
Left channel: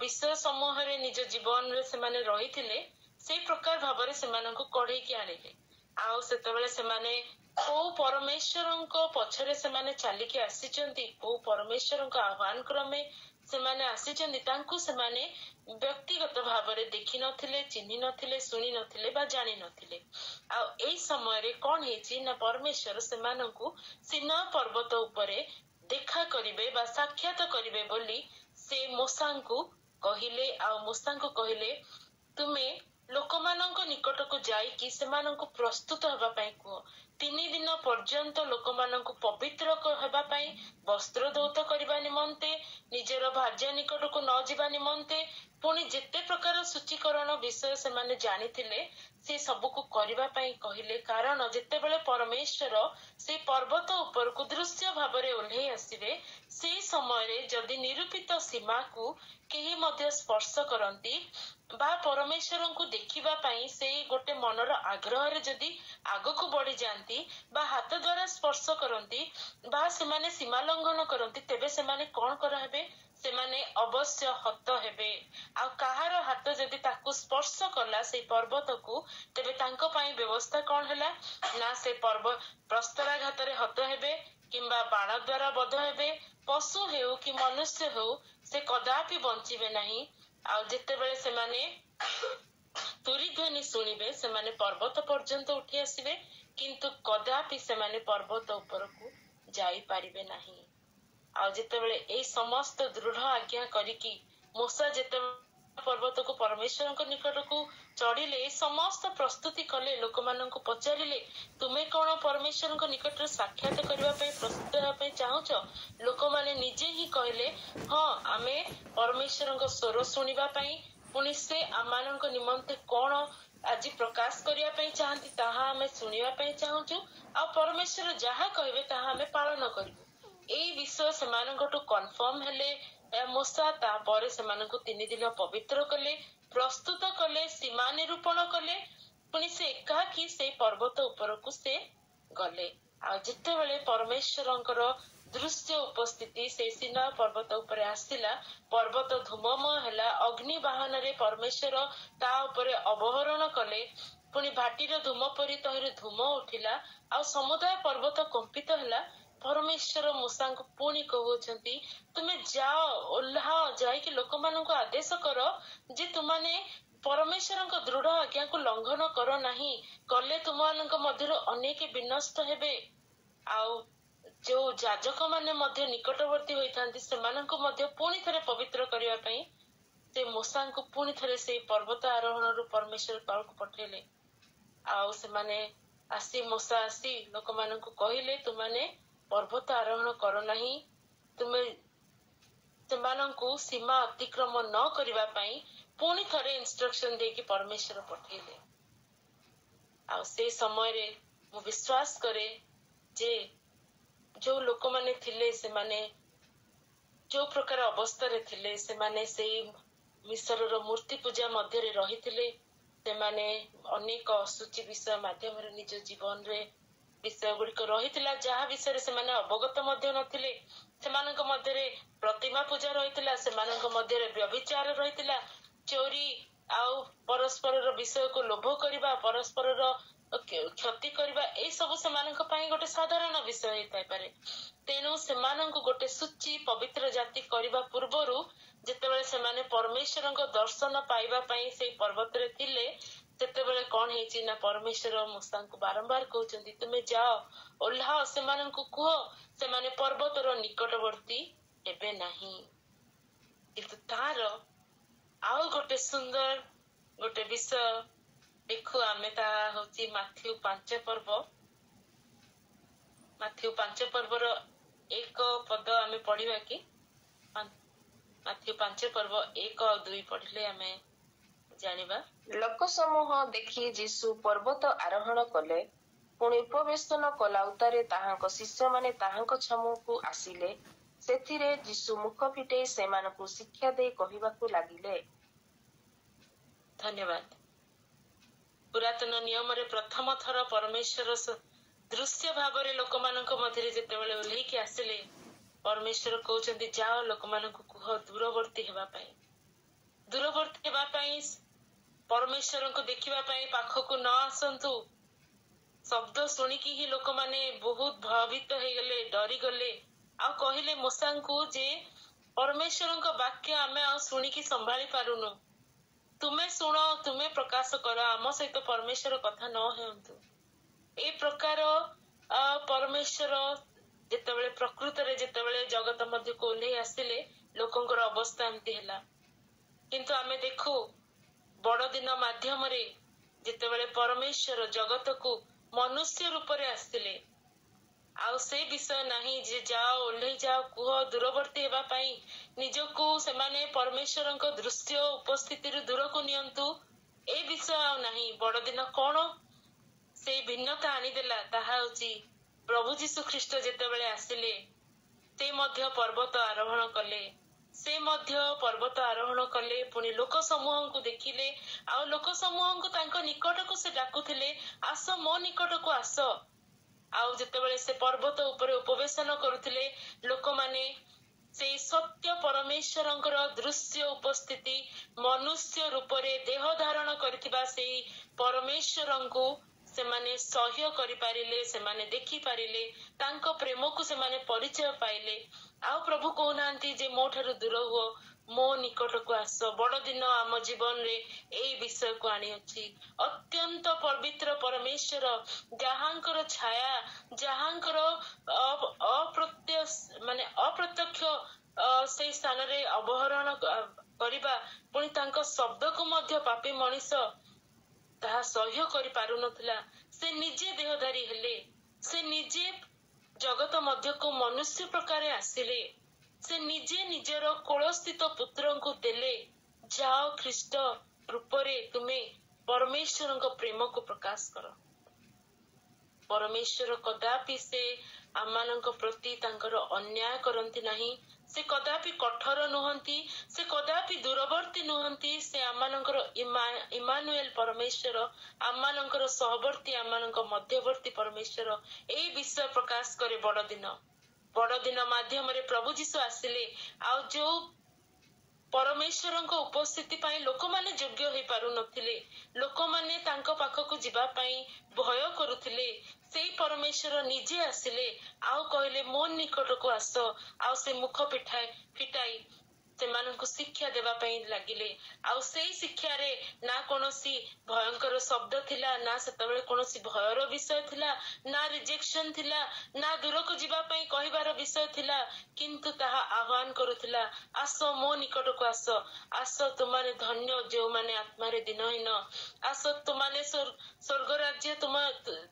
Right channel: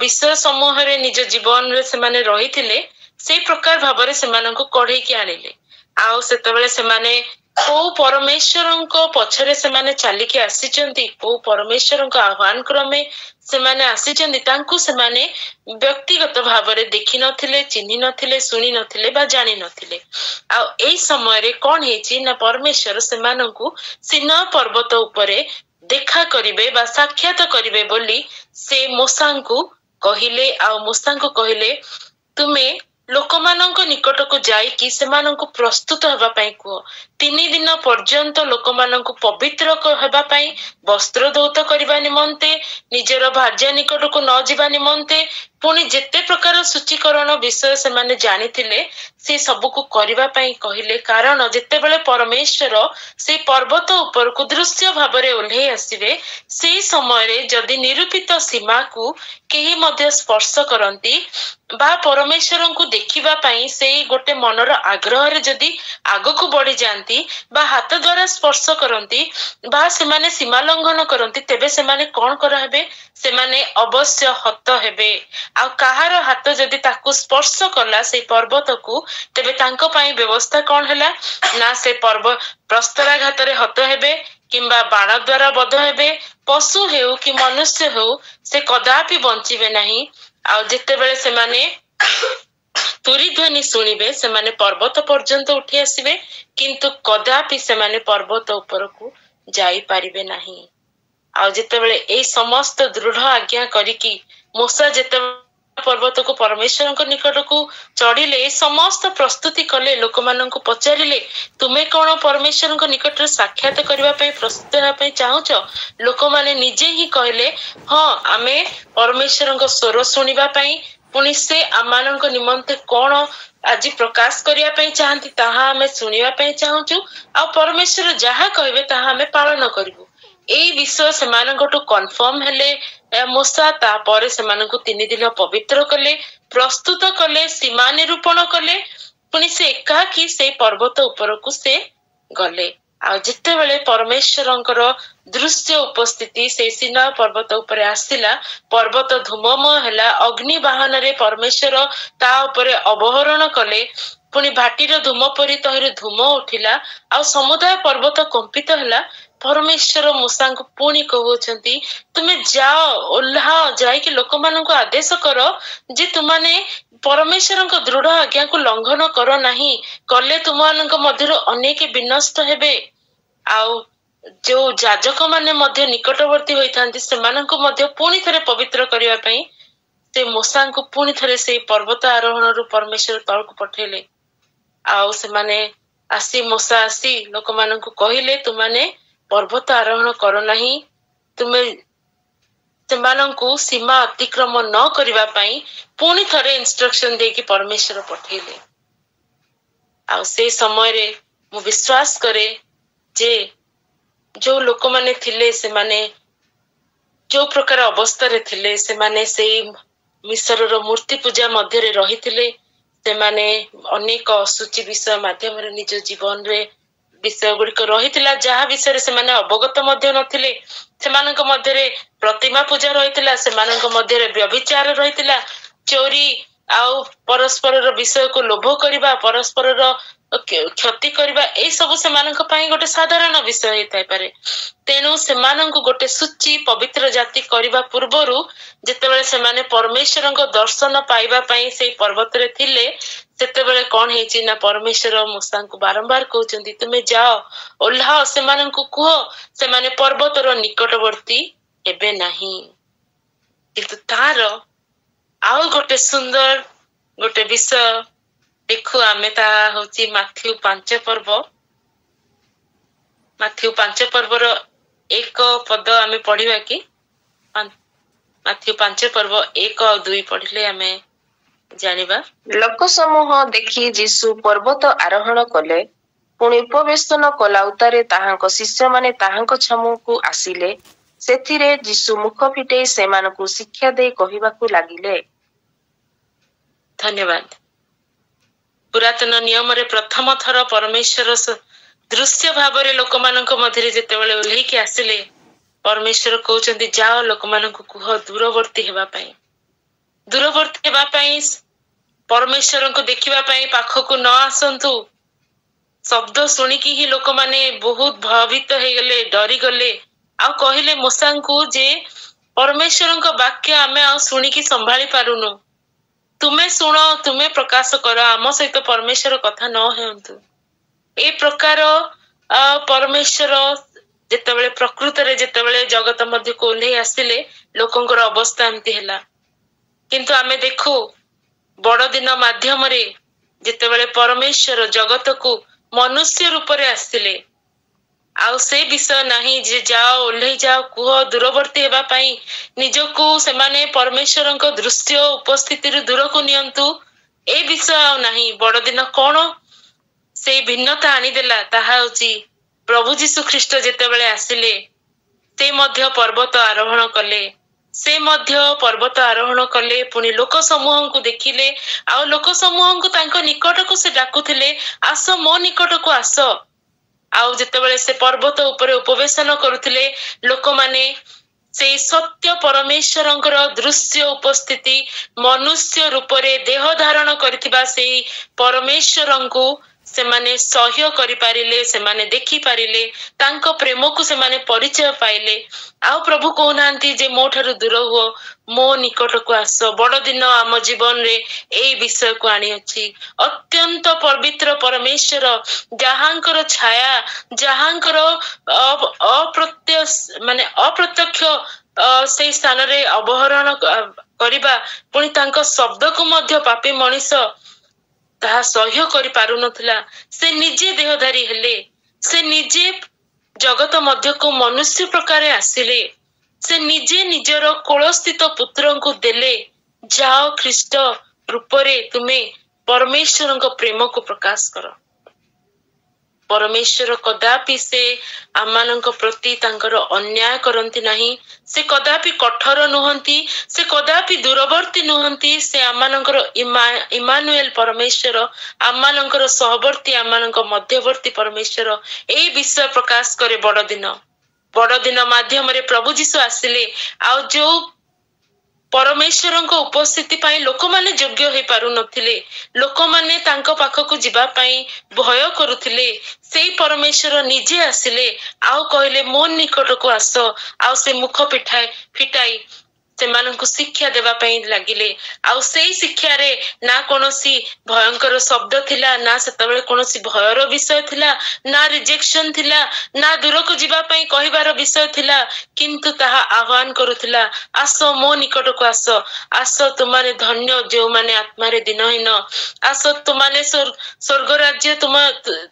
ବିଷୟ ସମୂହରେ ନିଜ ଜୀବନରେ ସେମାନେ ରହିଥିଲେ, ସେଇ ପ୍ରକାର ଭାବରେ ସେମାନଙ୍କୁ କଢେଇକି ଆଣିଲେ। ଆଉ ସେତେବେଳେ ସେମାନେ କୋଉ ପରମେଶ୍ୱରଙ୍କ ପଛରେ ସେମାନେ ଚାଲିକି ଆସିଛନ୍ତି, କୋଉ ପରମେଶ୍ୱରଙ୍କ ଆହ୍ୱାନ କ୍ରମେ ସେମାନେ ଆସିଛନ୍ତି, ତାଙ୍କୁ ସେମାନେ ବ୍ୟକ୍ତିଗତ ଭାବରେ ଦେଖିନଥିଲେ, ଚିହ୍ନି ନଥିଲେ, ଶୁଣି ନଥିଲେ ବା ଜାଣି ନଥିଲେ। ଆଉ ଏଇ ସମୟରେ କଣ ହେଇଛି ନା, ପରମେଶ୍ୱର ସେମାନଙ୍କୁ ସିନାଇ ପର୍ବତ ଉପରେ ଦେଖା କରିବେ ବା ସାକ୍ଷାତ କରିବେ ବୋଲି ସେ ମୂଷାଙ୍କୁ କହିଲେ। ଆଉ ମୂଷାଙ୍କୁ କହିଲେ, ତୁମେ ଲୋକମାନଙ୍କ ନିକଟକୁ ଯାଇକି ସେମାନଙ୍କୁ ପ୍ରସ୍ତୁତ ହେବା ପାଇଁ କୁହ। 3 ଦିନ ପର୍ଯ୍ୟନ୍ତ ଲୋକମାନଙ୍କୁ ପବିତ୍ର ହେବା ପାଇଁ, ବସ୍ତ୍ର ଧୌତ କରିବା ନିମନ୍ତେ, ନିଜର ଭାର୍ଯ୍ୟା ନିକଟକୁ ନ ଯିବା ନିମନ୍ତେ, ପୁଣି ଯେତେ ପ୍ରକାର ସୂଚୀକରଣ ବିଷୟ ସେମାନେ ଜାଣିଥିଲେ ସେ ସବୁକୁ କରିବା ପାଇଁ କହିଲେ। କାରଣ ଯେତେବେଳେ ପରମେଶ୍ୱର ସେ ପର୍ବତ ଉପରକୁ ଦୃଶ୍ୟ ଭାବରେ ଓହ୍ଲେଇ ଆସିବେ, ସେଇ ସମୟରେ ଯଦି ନିରୂପିତ ସୀମାକୁ କେହି ମଧ୍ୟ ସ୍ପର୍ଶ କରନ୍ତି ବା ପରମେଶ୍ୱରଙ୍କୁ ଦେଖିବା ପାଇଁ ସେଇ ଗୋଟେ ମନର ଆଗ୍ରହରେ ଯଦି ଆଗକୁ ବଢି ଯାଆନ୍ତି ବା ହାତ ଦ୍ୱାରା ସ୍ପର୍ଶ କରନ୍ତି ବା ସେମାନେ ସୀମା ଲଙ୍ଘନ କରନ୍ତି, ତେବେ ସେମାନେ କଣ କରାହେବେ? ସେମାନେ ଅବଶ୍ୟ ହତ ହେବେ। ଆଉ କାହାର ହାତ ଯଦି ତାକୁ ସ୍ପର୍ଶ କଲା ସେଇ ପର୍ବତକୁ, ତେବେ ତାଙ୍କ ପାଇଁ ବ୍ୟବସ୍ଥା କଣ ହେଲା ନା, ସେ ପ୍ରସ୍ତରାଘାତରେ ହତ ହେବେ କିମ୍ବା ବାଣ ଦ୍ୱାରା ବଧ ହେବେ। ପଶୁ ହେଉ କି ମନୁଷ୍ୟ ହେଉ, ସେ କଦାପି ବଞ୍ଚିବେ ନାହିଁ। ଆଉ ଯେତେବେଳେ ସେମାନେ ତୁରୀ ଧ୍ୱନି ଶୁଣିବେ, ସେମାନେ ପର୍ବତ ପର୍ଯ୍ୟନ୍ତ ଉଠି ଆସିବେ, କିନ୍ତୁ କଦାପି ସେମାନେ ପର୍ବତ ଉପରକୁ ଯାଇପାରିବେ ନାହିଁ। ଆଉ ଯେତେବେଳେ ଏଇ ସମସ୍ତ ଦୃଢ ଆଜ୍ଞା କରିକି ମୂଷା ଯେତେବେଳେ ପର୍ବତକୁ ପରମେଶ୍ୱରଙ୍କ ନିକଟକୁ ଚଢିଲେ, ଏ ସମସ୍ତ ପ୍ରସ୍ତୁତି କଲେ, ଲୋକମାନଙ୍କୁ ପଚାରିଲେ, ତୁମେ କଣ ପରମେଶ୍ୱରଙ୍କ ନିକଟରେ ସାକ୍ଷାତ କରିବା ପାଇଁ ପ୍ରସ୍ତୁତ ହେବା ପାଇଁ ଚାହୁଁଛ? ଲୋକମାନେ ନିଜେ ହିଁ କହିଲେ, ହଁ, ଆମେ ପରମେଶ୍ୱରଙ୍କ ସ୍ୱର ଶୁଣିବା ପାଇଁ, ପୁଣି ସେ ଆମମାନଙ୍କ ନିମନ୍ତେ କଣ ଆଜି ପ୍ରକାଶ କରିବା ପାଇଁ ଚାହାନ୍ତି ତାହା ଆମେ ଶୁଣିବା ପାଇଁ ଚାହୁଁଛୁ, ଆଉ ପରମେଶ୍ୱର ଯାହା କହିବେ ତାହା ଆମେ ପାଳନ କରିବୁ। ଏଇ ବିଷୟ ସେମାନଙ୍କଠୁ କନଫର୍ମ ହେଲେ ମୂଷା ତାପରେ ସେମାନଙ୍କୁ 3 ଦିନ ପବିତ୍ର କଲେ, ପ୍ରସ୍ତୁତ କଲେ, ସୀମା ନିରୂପଣ କଲେ। ପୁଣି ସେ ଏକାକି ସେଇ ପର୍ବତ ଉପରକୁ ସେ ଗଲେ। ଆଉ ଯେତେବେଳେ ପରମେଶ୍ୱରଙ୍କର ଦୃଶ୍ୟ ଉପସ୍ଥିତି ସେଇ ସିନା ପର୍ବତ ଉପରେ ଆସିଲା, ପର୍ବତ ଧୂମମୟ ହେଲା, ଅଗ୍ନି ବାହନରେ ପରମେଶ୍ୱର ତା ଉପରେ ଅବହରଣ କଲେ। ପୁଣି ଭାଟିର ଧୂମ ପରି ତହିଁରୁ ଧୂମ ଉଠିଲା, ଆଉ ସମୁଦାୟ ପର୍ବତ କମ୍ପିତ ହେଲା। ପରମେଶ୍ୱର ମୂଷାଙ୍କୁ ପୁଣି କହୁଛନ୍ତି, ତୁମେ ଯାଅ, ଓହ୍ଲାଅ, ଯାଇକି ଲୋକମାନଙ୍କୁ ଆଦେଶ କର ଯେ ତୁମାନେ ପରମେଶ୍ୱରଙ୍କ ଦୃଢ ଆଜ୍ଞାକୁ ଲଙ୍ଘନ କର ନାହିଁ, କଲେ ତୁମମାନଙ୍କ ମଧ୍ୟରୁ ଅନେକ ବିନଷ୍ଟ ହେବେ। ଆଉ ଯୋଉ ଯାଜକ ମାନେ ମଧ୍ୟ ନିକଟବର୍ତ୍ତୀ ହୋଇଥାନ୍ତି ସେମାନଙ୍କୁ ମଧ୍ୟ ପୁଣି ଥରେ ପବିତ୍ର କରିବା ପାଇଁ ସେ ମୂଷାଙ୍କୁ ପୁଣି ଥରେ ସେଇ ପର୍ବତ ଆରୋହଣରୁ ପରମେଶ୍ୱର ତଳକୁ ପଠେଇଲେ। ଆଉ ସେମାନେ ମୂଷା ଆସି ଲୋକମାନଙ୍କୁ କହିଲେ, ତୁମାନେ ପର୍ବତ ଆରୋହଣ କର ନାହିଁ, ତୁମେ ସେମାନଙ୍କୁ ସୀମା ଅତିକ୍ରମ ନ କରିବା ପାଇଁ ପୁଣି ଥରେ ଇନଷ୍ଟ୍ରକ୍ସନ ଦେଇକି ପରମେଶ୍ୱର ପଠେଇଲେ। ଆଉ ସେଇ ସମୟରେ ମୁଁ ବିଶ୍ୱାସ କରେ ଯେ ଯୋଉ ଲୋକମାନେ ଥିଲେ ସେମାନେ ଯୋଉ ପ୍ରକାର ଅବସ୍ଥାରେ ଥିଲେ, ସେମାନେ ସେଇ ମିଶରର ମୂର୍ତ୍ତି ପୂଜା ମଧ୍ୟରେ ରହିଥିଲେ। ସେମାନେ ଅନେକ ଅଶୁଚି ବିଷୟ ମାଧ୍ୟମରେ ନିଜ ଜୀବନରେ ବିଷୟ ଗୁଡିକ ରହିଥିଲା, ଯାହା ବିଷୟରେ ସେମାନେ ଅବଗତ ମଧ୍ୟ ନଥିଲେ। ସେମାନଙ୍କ ମଧ୍ୟରେ ପ୍ରତିମା ପୂଜା ରହିଥିଲା, ସେମାନଙ୍କ ମଧ୍ୟରେ ବ୍ୟଭିଚାର ରହିଥିଲା, ଚୋରି ଆଉ ପରସ୍ପରର ବିଷୟକୁ ଲୋଭ କରିବା, ପରସ୍ପରର କ୍ଷତି କରିବା, ଏଇ ସବୁ ସେମାନଙ୍କ ପାଇଁ ଗୋଟେ ସାଧାରଣ ବିଷୟ ହେଇଥାଇପାରେ। ତେଣୁ ସେମାନଙ୍କୁ ଗୋଟେ ସୂଚି ପବିତ୍ର ଜାତି କରିବା ପୂର୍ବରୁ ଯେତେବେଳେ ସେମାନେ ପରମେଶ୍ୱରଙ୍କ ଦର୍ଶନ ପାଇବା ପାଇଁ ସେଇ ପର୍ବତରେ ଥିଲେ, ସେତେବେଳେ କଣ ହେଇଛି ନା ପରମେଶ୍ୱର ମୂଷାଙ୍କୁ ବାରମ୍ବାର କହୁଛନ୍ତି, ତୁମେ ଯାଅ, ଓହ୍ଲାଅ, ସେମାନଙ୍କୁ କୁହ ସେମାନେ ପର୍ବତର ନିକଟବର୍ତ୍ତୀ ହେବେ ନାହିଁ। କିନ୍ତୁ ତାର ଆଉ ଗୋଟେ ସୁନ୍ଦର ଗୋଟେ ବିଷୟ ଦେଖୁ ଆମେ, ତାହା ହଉଛି ମାଥ୍ୟୁ 5 ପର୍ବ। ମାଥ୍ୟୁ 5 ପର୍ବର 1 ପଦ ଆମେ ପଢିବା କି? ମାଥ୍ୟୁ 5 ପର୍ବ 1 ଆଉ 2 ପଢିଲେ ଆମେ ଜାଣିବା। ଲୋକ ସମୂହ ଦେଖି ଯୀଶୁ ପର୍ବତ ଆରୋହଣ କଲେ। ପୁଣି ଉପବେଶନ କଲା ଉତ୍ତାରେ ତାହାଙ୍କ ଶିଷ୍ୟମାନେ ତାହାଙ୍କ ଛାମୁକୁ ଆସିଲେ। ସେଥିରେ ଯୀଶୁ ମୁଖ ଫିଟେଇ ସେମାନଙ୍କୁ ଶିକ୍ଷା ଦେଇ କହିବାକୁ ଲାଗିଲେ। ଧନ୍ୟବାଦ। ପୁରାତନ ନିୟମରେ ପ୍ରଥମ ଥର ପରମେଶ୍ୱର ଦୃଶ୍ୟ ଭାବରେ ଲୋକମାନଙ୍କ ମଧ୍ୟରେ ଯେତେବେଳେ ଓହ୍ଲେଇକି ଆସିଲେ, ପରମେଶ୍ୱର କହୁଛନ୍ତି, ଯାଅ ଲୋକମାନଙ୍କୁ କୁହ ଦୂରବର୍ତ୍ତୀ ହେବା ପାଇଁ। ଦୂରବର୍ତ୍ତୀ ହେବା ପାଇଁ, ପରମେଶ୍ୱରଙ୍କୁ ଦେଖିବା ପାଇଁ ପାଖକୁ ନ ଆସନ୍ତୁ। ଶବ୍ଦ ଶୁଣିକି ହିଁ ଲୋକମାନେ ବହୁତ ଭୟଭୀତ ହେଇଗଲେ, ଡରିଗଲେ, ଆଉ କହିଲେ ମୂଷାଙ୍କୁ ଯେ ପରମେଶ୍ୱରଙ୍କ ବାକ୍ୟ ଆମେ ଆଉ ଶୁଣିକି ସମ୍ଭାଳି ପାରୁନୁ, ତୁମେ ଶୁଣ, ତୁମେ ପ୍ରକାଶ କର, ଆମ ସହିତ ପରମେଶ୍ୱର କଥା ନ ହୁଅନ୍ତୁ। ଏ ପ୍ରକାର ପରମେଶ୍ୱର ଯେତେବେଳେ ପ୍ରକୃତରେ ଯେତେବେଳେ ଜଗତ ମଧ୍ୟକୁ ଓହ୍ଲେଇ ଆସିଲେ, ଲୋକଙ୍କର ଅବସ୍ଥା ଏମିତି ହେଲା। କିନ୍ତୁ ଆମେ ଦେଖୁ ବଡଦିନ ମାଧ୍ୟମରେ ଯେତେବେଳେ ପରମେଶ୍ୱର ଜଗତକୁ ମନୁଷ୍ୟ ରୂପରେ ଆସିଲେ, ଆଉ ସେ ବିଷୟ ନାହିଁ ଯେ ଯାଅ, ଓହ୍ଲେଇ ଯାଅ, କୁହ ଦୂରବର୍ତ୍ତୀ ହେବା ପାଇଁ, ନିଜକୁ ସେମାନେ ପରମେଶ୍ୱରଙ୍କ ଦୃଶ୍ୟ ଉପସ୍ଥିତିରୁ ଦୂରକୁ ନିଅନ୍ତୁ, ଏ ବିଷୟ ଆଉ ନାହିଁ। ବଡଦିନ କଣ ସେଇ ଭିନ୍ନତା ଆଣିଦେଲା, ତାହା ହଉଛି ପ୍ରଭୁ ଯୀଶୁ ଖ୍ରୀଷ୍ଟ ଯେତେବେଳେ ଆସିଲେ, ସେ ମଧ୍ୟ ପର୍ବତ ଆରୋହଣ କଲେ। ସେ ମଧ୍ୟ ପର୍ବତ ଆରୋହଣ କଲେ, ପୁଣି ଲୋକ ସମୂହଙ୍କୁ ଦେଖିଲେ, ଆଉ ଲୋକ ସମୂହଙ୍କୁ ତାଙ୍କ ନିକଟକୁ ସେ ଡାକୁଥିଲେ, ଆସ ମୋ ନିକଟକୁ ଆସ। ଆଉ ଯେତେବେଳେ ସେ ପର୍ବତ ଉପରେ ଉପବେଶନ କରୁଥିଲେ, ଲୋକମାନେ ସେଇ ସତ୍ୟ ପରମେଶ୍ୱରଙ୍କର ଦୃଶ୍ୟ ଉପସ୍ଥିତି, ମନୁଷ୍ୟ ରୂପରେ ଦେହ ଧାରଣ କରିଥିବା ସେଇ ପରମେଶ୍ୱରଙ୍କୁ ସେମାନେ ସହ୍ୟ କରିପାରିଲେ, ସେମାନେ ଦେଖିପାରିଲେ, ତାଙ୍କ ପ୍ରେମକୁ ସେମାନେ ପରିଚୟ ପାଇଲେ। ଆଉ ପ୍ରଭୁ କହୁନାହାନ୍ତି ଯେ ମୋ ଠାରୁ ଦୂର ହୁଅ, ମୋ ନିକଟକୁ ଆସ। ବଡଦିନ ଆମ ଜୀବନରେ ଏଇ ବିଷୟକୁ ଆଣିଅଛି। ଅତ୍ୟନ୍ତ ପବିତ୍ର ପରମେଶ୍ୱର, ଯାହାଙ୍କର ଛାୟା, ଯାହାଙ୍କର ଅପ୍ରତ୍ୟକ୍ଷ ସେଇ ସ୍ଥାନରେ ଅବହରଣ କରିବା, ପୁଣି ତାଙ୍କ ଶବ୍ଦକୁ ମଧ୍ୟ ପାପୀ ମଣିଷ ତାହା ସହ୍ୟ କରିପାରୁନଥିଲା। ସେ ନିଜେ ଦେହଧାରୀ ହେଲେ, ସେ ନିଜେ ଜଗତ ମଧ୍ୟକୁ ମନୁଷ୍ୟ ପ୍ରକାରେ ଆସିଲେ, ସେ ନିଜେ ନିଜର କୋଳସ୍ଥିତ ପୁତ୍ରଙ୍କୁ ଦେଲେ, ଯାଅ ଖ୍ରୀଷ୍ଟ ରୂପରେ ତୁମେ ପରମେଶ୍ୱରଙ୍କ ପ୍ରେମକୁ ପ୍ରକାଶ କର। परमेश्वर कदापि से आमानंक प्रति तांकर अन्याय करंती नहीं, से कदापि कठोर नुहंती, से कदापि दूरवर्ती नुहंती। से आमानंकर इमानुएल परमेश्वर, आमानंकर सहवर्ती, आमानंक मध्यवर्ती परमेश्वर एई विषय प्रकाश करे। बड़ दिन माध्यम रे प्रभु जीशु आसिले, आ जो परमेश्वर उपस्थिति पाई लोक माने योग्य हो पारु नथिले, लोक माने तांको पाखकु जिबा पाई भय करुथिले, सेई परमेश्वर निजे आसिले आउ कहले मो निकटकु आस, आउ से मुख फिटाई सेमानंकु शिक्षा देवा पाई लागिले। आउ सेई शिक्षा रे ना कोनोसी भयंकर शब्द थिला, ना सेतबेले कोनोसी भयर विषय थिला, ना रिजेक्शन थिला, ना दूरकु जिबा पाई कहिबार विषय थिला, किंतु ताहा आह्वान करुथिला, आस मो निकटकु आस, आस तुमाने धन्य जो माने आत्मारे दिनहीन, आस तुमाने स्वर्ग राज्य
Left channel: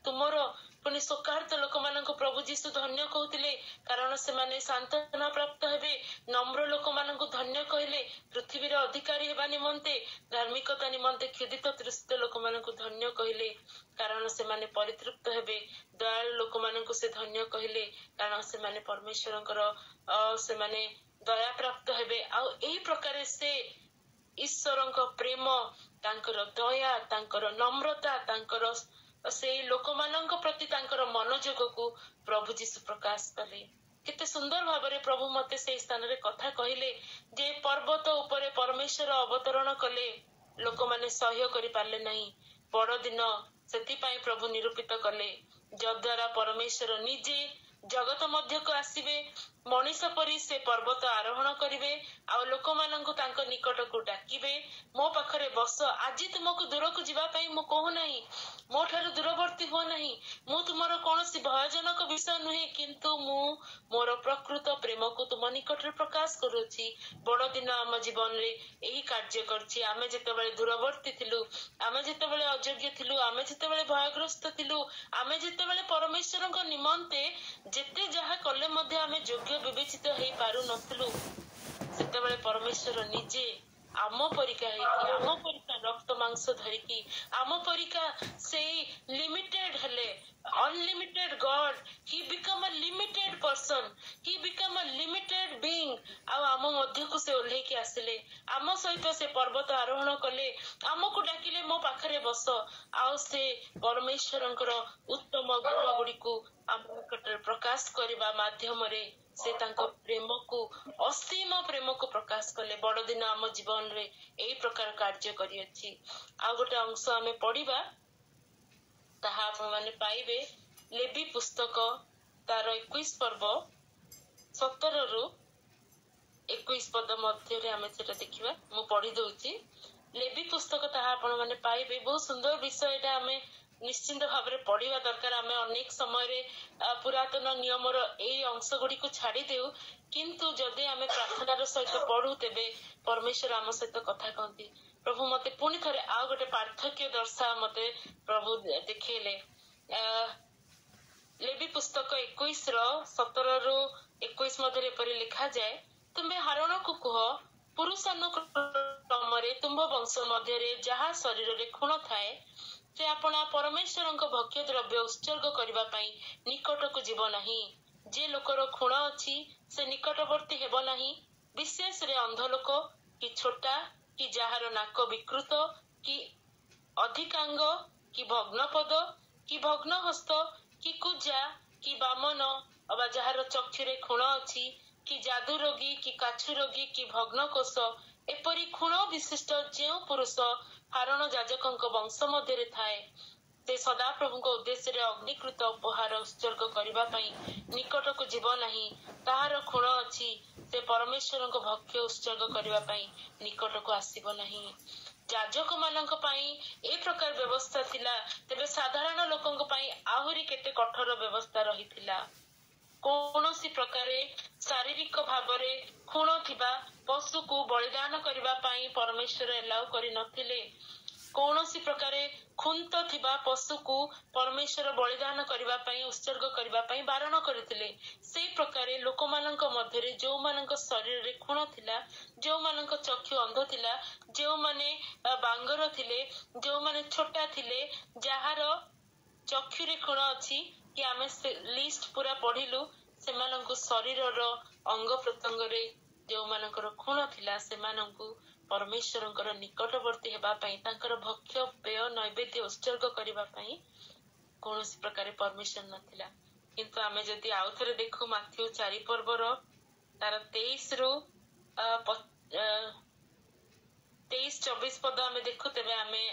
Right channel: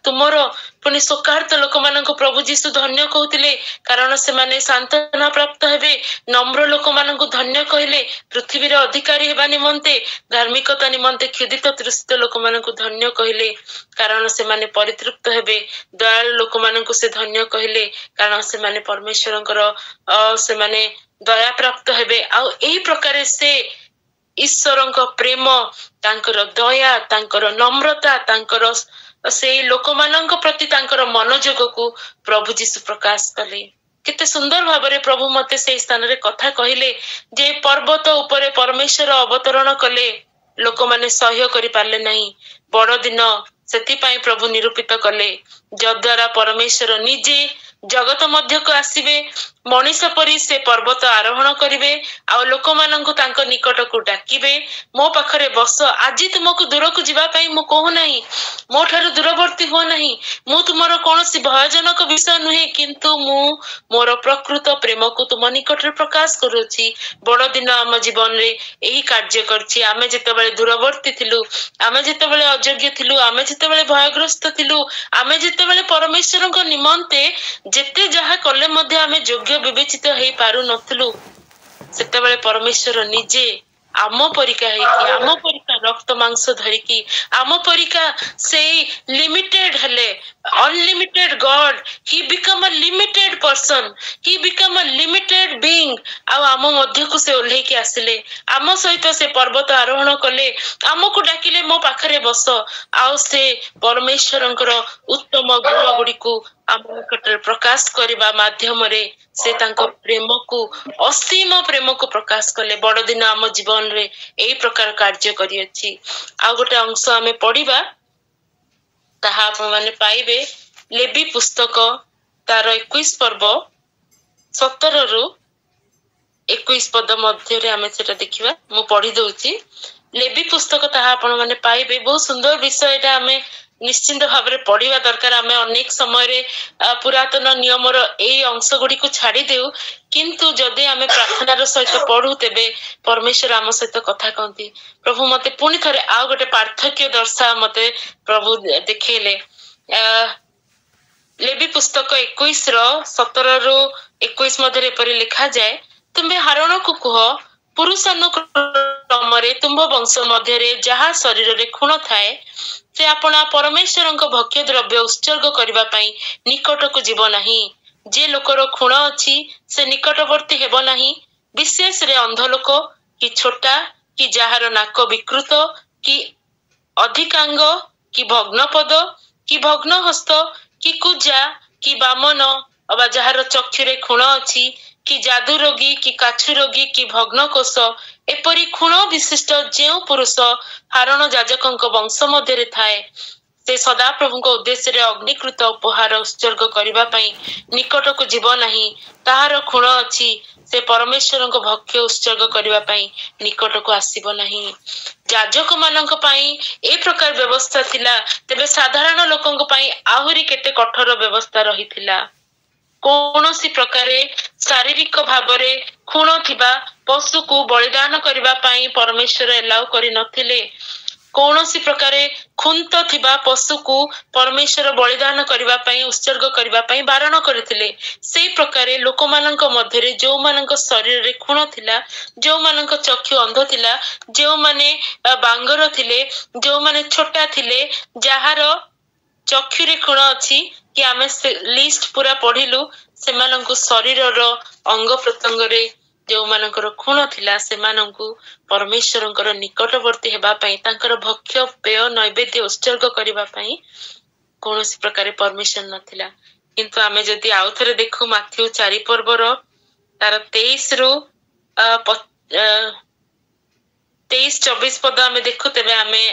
तुमर पुनि शोकार्त लोक मानक प्रभु जीशु धन्य कहतिले, कारण से माने सांत्वना प्राप्त हेबे। नम्र लोक मानक धन्य कहले, पृथ्वी रे अधिकारी हेबा निमंते, धार्मिकता निमंते क्षुदित तृषित लोक मानक धन्य कहले, कारण से माने परितृप्त हेबे। दयालु लोक मानक से धन्य कहले, कारण से माने परमेश्वरंकर से माने दया प्राप्त हेबे। आ एही प्रकार से ईश्वरंक प्रेम, तांकर दया, तांकर नम्रता, तांकर से लोक मानक प्रति तांकर मनोयोग को प्रभु जीशु प्रकाश कले। केते सुंदर भाबरे प्रभु मते से स्थान रे कथा कहिले जे पर्वत उपरे परमेश्वर अवतरण कले, लोक माने सहय करि पारले नहीं। बड़ दिन सेति पाई प्रभु निरूपित कले, जद्वारा परमेश्वर निजे जगत मध्य को आसीबे, मनीष परी से पर्वत आरोहण करिवे, आ लोक माननकु तांको निकट को डाकिबे, मो पाखरे बस, आज तुमको दूर को जिबा पाई मु कहू नहीं, मो ठारू दूरवर्ती हो नहीं, मु तुमरो कोनोसी भयजनक विषय नुहे, किंतु मु मोर प्रकृत प्रेम को तुम निकट रे प्रकाश करूची। बड़ दिन आम जीवन रे एही कार्य करछि। आमे जेतेबेले दूरवर्ती थिलु, आमे जेतेबेले अयोग्य थिलु, आमे जेतेबेले भयग्रस्त थिलु, आमे जेतेबेले परमेश्वरक निमंते जेते जहा कले मध्ये आमे योग्य विवेचित हेई पारु नथिलु, सेतेबेले परमेश्वर निजे आम परिका हेकी, आम परिका रक्त मांस धरिकी, आम परिका से लिमिटेड हेले, unlimited God, he become a limited person, he become a limited being. आम मध्य को से ओल्हे के आसिले, आम सहित से पर्वत आरोहण कले, आमको डाकिले मो पाखरे बस, आउ से परमेश्वरंकर उत्तम गुण गुडी को आम निकटरे प्रकाश करबा माध्यम रे से तांको प्रेम को, असीम प्रेम को प्रकाश कले। बड़ दिन आम जीवन रे एई प्रकार कार्य करियछि। आ गोटे अंश आमे पढिबा, ताहा आपण माने पाइबे लेवी पुस्तक तार 21 पर्व 17 रु 21 पद मध्य रे आमे सेटा देखिबा। मु पढि दउछि लेवी पुस्तक, ताहा आपण माने पाइबे। बहुत सुंदर विषय एटा, आमे निश्चिंत भाव में पढ़ा दरकार। आम अनेक समय पुरातन नियमर यही अंश गुड़ी को छाड़ी देउ, किंतु जदि आम प्रार्थनार सहित पढ़ू तेबे परमेश्वर आम सहित कथा कहती। प्रभु मते पुणी थे आउ गोटे पार्थक्य दर्शा मते प्रभु देखले। लेवी पुस्तक 21 रो 17 रु 21 मध्य एपरि लिखा जाए, तुम्बे हारोन को कह, पुरुषानुक्रमरे तुम्भ वंश मध्य जहा शरीर रे खूण थाए से अपना परमेश्वर भक्ष्य द्रव्य उत्सर्ग करबा पई निकट को जीव नहीं। जे लोकर खूण अछि से निकटवर्ती हेब नहीं, विशेष रे अंध लोक कि छोटा कि जहार नाक विकृत कि अधिकांग कि भग्नपद कि भग्न हस्त कि कुजा कि बामन अबा जहार चक्षुरे खूण अछि कि जादू रोगी कि काछु रोगी कि भग्न कोष एपरी खूण विशिष्ट जेउ पुरुष हारण जाजकंक वंश मध्य थाए से सदा प्रभु उद्देश्य रे अग्निकृत उपहार उत्सर्ग करबा पई निकट को जीव नहीं। ताहार खूण अछि से परमेश्वर भक्ष्य उत्सर्ग करबा पई निकट को आसीबो नहीं। जाजक मानक पई ए प्रकार व्यवस्था थिला, तेबे साधारण लोकंक पई आहुरी केते कठोर व्यवस्था रहिथिला। कौनसी प्रकारे शारीरिक भावरे खूण थिबा पशु को बलिदान करबा पई परमेश्वर एलाउ करि नथिले। कौनसी प्रकारे खुंत थिबा पशु को परमेश्वर बलिदान करबा पई उत्सर्ग करबा पई बारण करथिले। सेई प्रकारे लोक मानक मध्यरे जो मानक शरीर रे खूण थिला, जो मानक चक्षु अंध थिला, जो माने बांगर थिले, जो माने छोटा थिले, जहार ଚକ୍ଷୁରେ ଖୁଣ ଅଛି କି ଆମେ ସେ ଲିଷ୍ଟ ପୁରା ପଢିଲୁ ସେମାନଙ୍କୁ ଶରୀରର ଅଙ୍ଗ ପ୍ରତ୍ୟଙ୍ଗରେ ଯୋଉମାନଙ୍କର ଖୁଣ ଥିଲା ସେମାନଙ୍କୁ ପରମେଶ୍ୱରଙ୍କର ନିକଟବର୍ତ୍ତୀ ହେବା ପାଇଁ ତାଙ୍କର ଭକ୍ଷ୍ୟ ପେୟ ନୈବେଦ୍ୟ ଉତ୍ସର୍ଗ କରିବା ପାଇଁ କୌଣସି ପ୍ରକାର ପରମିଶନ ନଥିଲା। କିନ୍ତୁ ଆମେ ଯଦି ଆଉ ଥରେ ଦେଖୁ ମାଥ୍ୟୁ 4 ପର୍ବର ତାର 23-24 ପଦ ଆମେ ଦେଖୁ ତେବେ ଆମେ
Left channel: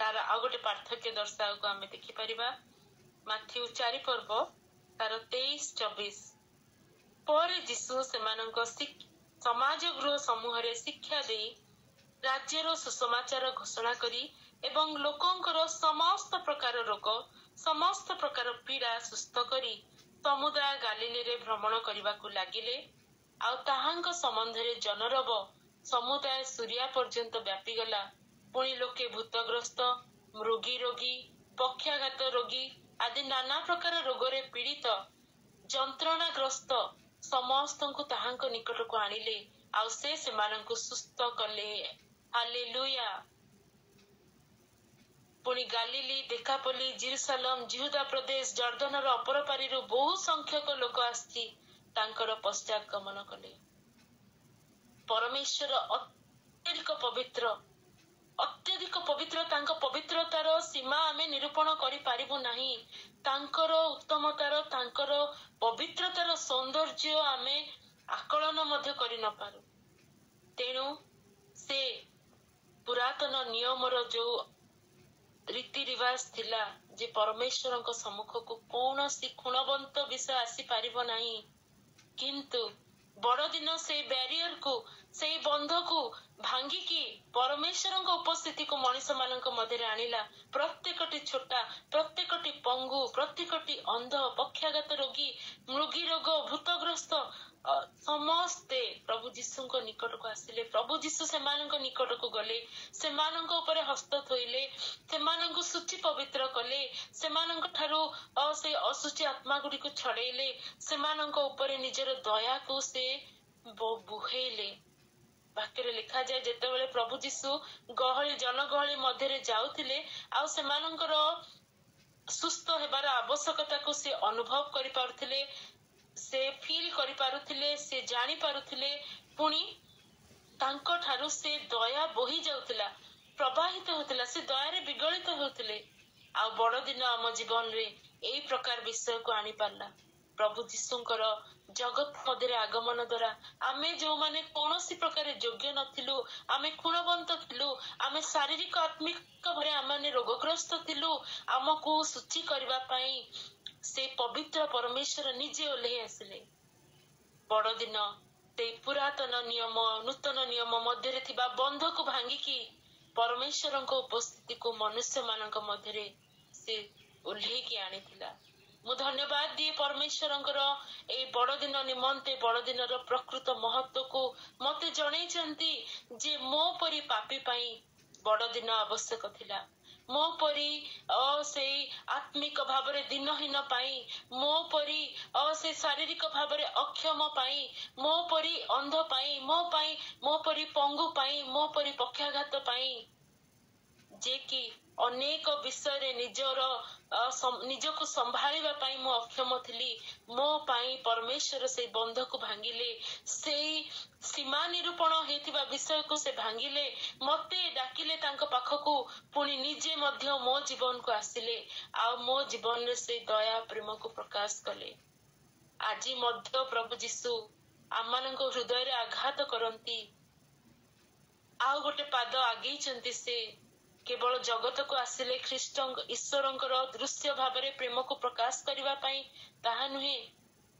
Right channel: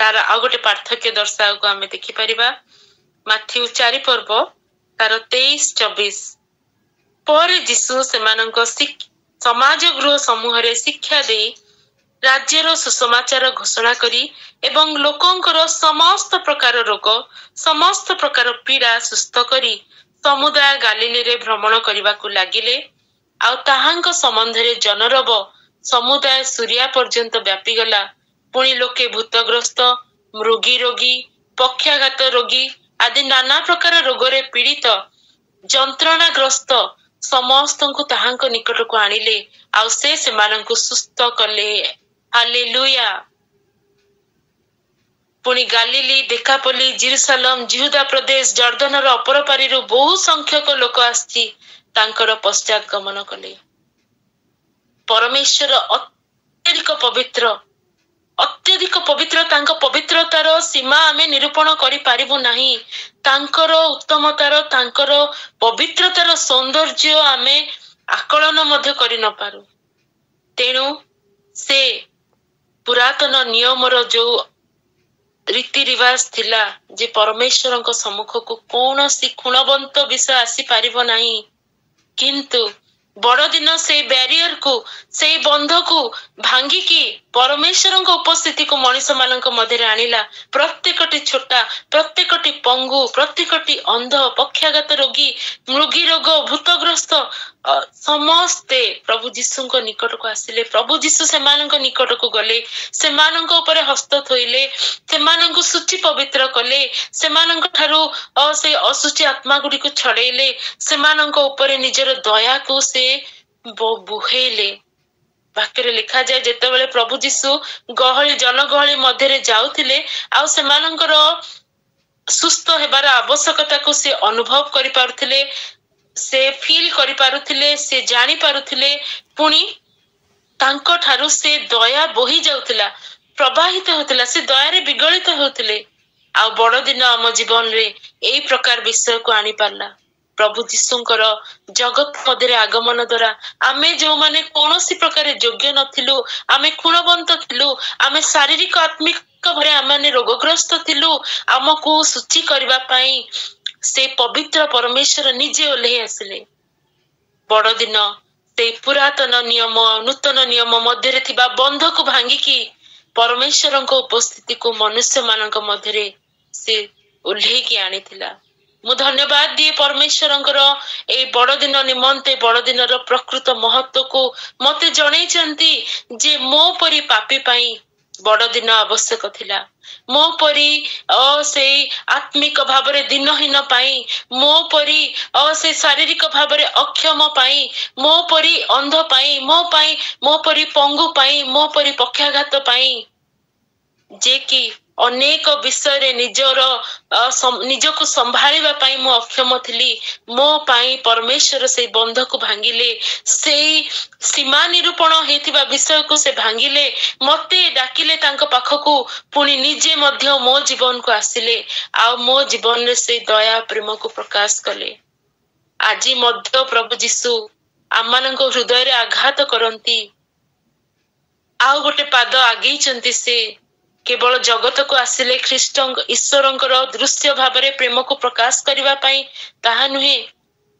ତାର ଆଉ ଗୋଟେ ପାର୍ଥକ୍ୟ ଦର୍ଶାକୁ ଆମେ ଦେଖିପାରିବା। ମାଥ୍ୟୁ 4 ପର୍ବ ତାର 23-24 ପରେ ଯୀଶୁ ସେମାନଙ୍କ ସମାଜ ଗୃହ ସମୂହରେ ଶିକ୍ଷା ଦେଇ ରାଜ୍ୟର ସୁସମାଚାର ଘୋଷଣା କରି ଏବଂ ଲୋକଙ୍କର ସମସ୍ତ ପ୍ରକାର ରୋଗ ସମସ୍ତ ପ୍ରକାର ପୀଡା ସୁସ୍ଥ କରି ସମୁଦାୟ ଗାଲିଲୀରେ ଭ୍ରମଣ କରିବାକୁ ଲାଗିଲେ। ଆଉ ତାହାଙ୍କ ସମ୍ବନ୍ଧରେ ଜନରବ ସମୁଦାୟ ସୁରିଆ ପର୍ଯ୍ୟନ୍ତ ବ୍ୟାପିଗଲା। ପୁଣି ଲୋକେ ଭୂତଗ୍ରସ୍ତ, ମୃଗୀ ରୋଗୀ, ପକ୍ଷାଘାତ ରୋଗୀ ଆଦି ନାନା ପ୍ରକାର ରୋଗରେ ପୀଡ଼ିତ ଯନ୍ତ୍ରଣାଗ୍ରସ୍ତ ସମସ୍ତଙ୍କୁ ତାହାଙ୍କ ନିକଟକୁ ଆଣିଲେ ଆଉ ସେ ସେମାନଙ୍କୁ ସୁସ୍ଥ କଲେ। ହାଲେଲୁୟା। ପୁଣି ଗାଲିଲି, ଦେକାପୋଲି, ଜେରୁସାଲେମ, ଯିହୁଦା ପ୍ରଦେଶ, ଜର୍ଦ୍ଦନର ଅପର ପାରିରୁ ବହୁ ସଂଖ୍ୟକ ଲୋକ ଆସି ତାଙ୍କର ପଶ୍ଚାତ ଗମନ କଲେ। ପରମେଶ୍ୱର ଅତ୍ୟଧିକ ପବିତ୍ର ତାଙ୍କ ପବିତ୍ରତାର ସୀମା ଆମେ ନିରୂପଣ କରିପାରିବୁ ନାହିଁ। ତାଙ୍କର ଉତ୍ତମତାର ତାଙ୍କର ପବିତ୍ରତାର ସୌନ୍ଦର୍ଯ୍ୟ ଆମେ ଆକଳନ ମଧ୍ୟ କରି ନପାରୁ। ତେଣୁ ସେ ପୁରାତନ ନିୟମର ଯୋଉ ରୀତି ରିବାଜ ଥିଲା ଯେ ପରମେଶ୍ୱରଙ୍କ ସମ୍ମୁଖକୁ କୌଣସି ଖୁଣବନ୍ତ ବିଷୟ ଆସିପାରିବ ନାହିଁ, କିନ୍ତୁ ବଡଦିନ ସେଇ ବ୍ୟାରିୟରକୁ ସେଇ ବନ୍ଧକୁ ଭାଙ୍ଗିକି ପରମେଶ୍ୱରଙ୍କ ଉପସ୍ଥିତିକୁ ମଣିଷ ମାନଙ୍କ ମଧ୍ୟରେ ଆଣିଲା। ପ୍ରତ୍ୟେକଟି ଛୋଟା, ପ୍ରତ୍ୟେକଟି ପଙ୍ଗୁ, ପ୍ରତ୍ୟେକଟି ଅନ୍ଧ, ପକ୍ଷାଘାତ ରୋଗୀ, ମୃଗୀ ରୋଗ, ଭୂତଗ୍ରସ୍ତ ସମସ୍ତେ ପ୍ରଭୁ ଯୀଶୁଙ୍କ ନିକଟକୁ ଆସିଲେ। ପ୍ରଭୁ ଯୀଶୁ ସେମାନଙ୍କ ନିକଟକୁ ଗଲେ, ସେମାନଙ୍କ ଉପରେ ହସ୍ତ ଥୋଇଲେ, ସେମାନଙ୍କୁ ଶୁଚି ପବିତ୍ର କଲେ, ସେମାନଙ୍କ ଠାରୁ ସେ ଅଶୁଚି ଆତ୍ମା ଗୁଡିକୁ ଛଡେଇଲେ, ସେମାନଙ୍କ ଉପରେ ନିଜର ଦୟାକୁ ସେ ବୁହେଇଲେ। ବାକ୍ୟରେ ଲେଖାଯାଏ ଯେତେବେଳେ ପ୍ରଭୁ ଯୀଶୁ ଜନଗହଳି ମଧ୍ୟରେ ଯାଉଥିଲେ ଆଉ ସେମାନଙ୍କର ସୁସ୍ଥ ହେବାର ଆବଶ୍ୟକତାକୁ ସେ ଅନୁଭବ କରିପାରୁଥିଲେ, ସେ ଫିଲ୍ କରିପାରୁଥିଲେ, ସେ ଜାଣି ପାରୁଥିଲେ। ପୁଣି ତାଙ୍କ ଠାରୁ ସେ ଦୟା ବୋହି ଯାଉଥିଲା, ପ୍ରବାହିତ ହେଉଥିଲା, ସେ ଦୟାରେ ବିଗଳିତ ହେଉଥିଲେ। ଆଉ ବଡଦିନ ଆମ ଜୀବନରେ ଏଇ ପ୍ରକାର ବିଷୟକୁ ଆଣିପାରିଲା। ପ୍ରଭୁ ଯୀଶୁଙ୍କର ଜଗତ ମଧ୍ୟରେ ଆଗମନ ଦ୍ୱାରା ଆମେ ଯୋଉମାନେ କୌଣସି ପ୍ରକାର ଯୋଗ୍ୟ ନଥିଲୁ, ଆମେ ଖୁଣବନ୍ତ ଥିଲୁ, ଆମେ ଶାରୀରିକ ଆତ୍ମିକ ଭାବରେ ଆମେ ରୋଗଗ୍ରସ୍ତ ଥିଲୁ, ଆମକୁ ଶୁଚି କରିବା ପାଇଁ ସେ ପବିତ୍ର ପରମେଶ୍ୱର ନିଜେ ଓହ୍ଲେଇ ଆସିଲେ। ବଡଦିନ ସେଇ ପୁରାତନ ନିୟମ ନୂତନ ନିୟମ ମଧ୍ୟରେ ଥିବା ବନ୍ଧକୁ ଭାଙ୍ଗିକି ପରମେଶ୍ୱରଙ୍କ ଉପସ୍ଥିତିକୁ ମନୁଷ୍ୟ ମାନଙ୍କ ମଧ୍ୟରେ ସେ ଓହ୍ଲେଇକି ଆଣିଥିଲା। ମୁଁ ଧନ୍ୟବାଦ ଦିଏ ପରମେଶ୍ୱରଙ୍କର ଏଇ ବଡଦିନ ନିମନ୍ତେ, ବଡଦିନର ପ୍ରକୃତ ମହତ୍ଵକୁ ମତେ ଜଣେଇଛନ୍ତି ଯେ ମୋ ପରି ପାପୀ ପାଇଁ ବଡଦିନ ଆବଶ୍ୟକ ଥିଲା। ମୋ ପରି ସେଇ ଆତ୍ମିକ ଭାବରେ ଦିନହୀନ ପାଇଁ, ମୋ ପରି ସେ ଶାରୀରିକ ଭାବରେ ଅକ୍ଷମ ପାଇଁ, ମୋ ପରି ଅନ୍ଧ ପାଇଁ, ମୋ ପରି ପଙ୍ଗୁ ପାଇଁ, ମୋ ପରି ପକ୍ଷାଘାତ ପାଇଁ, ଯେ କି ଅନେକ ବିଷୟରେ ନିଜକୁ ସମ୍ଭାଳିବା ପାଇଁ ମୁଁ ଅକ୍ଷମ ଥିଲି, ମୋ ପାଇଁ ପରମେଶ୍ୱର ସେଇ ବନ୍ଧକୁ ଭାଙ୍ଗିଲେ, ସେଇ ସୀମା ନିରୂପଣ ହେଇଥିବା ବିଷୟକୁ ସେ ଭାଙ୍ଗିଲେ, ମତେ ଡାକିଲେ ତାଙ୍କ ପାଖକୁ, ପୁଣି ନିଜେ ମଧ୍ୟ ମୋ ଜୀବନକୁ ଆସିଲେ ଆଉ ମୋ ଜୀବନରେ ସେଇ ଦୟା ପ୍ରେମକୁ ପ୍ରକାଶ କଲେ। ଆଜି ମଧ୍ୟ ପ୍ରଭୁ ଯୀଶୁ ଆମମାନଙ୍କ ହୃଦୟରେ ଆଘାତ କରନ୍ତି। ଆଉ ଗୋଟେ ପାଦ ଆଗେଇଛନ୍ତି। ସେ କେବଳ ଜଗତକୁ ଆସିଲେ ଈଶ୍ୱରଙ୍କର ଦୃଶ୍ୟ ଭାବରେ ପ୍ରେମକୁ ପ୍ରକାଶ କରିବା ପାଇଁ ତାହା ନୁହେଁ,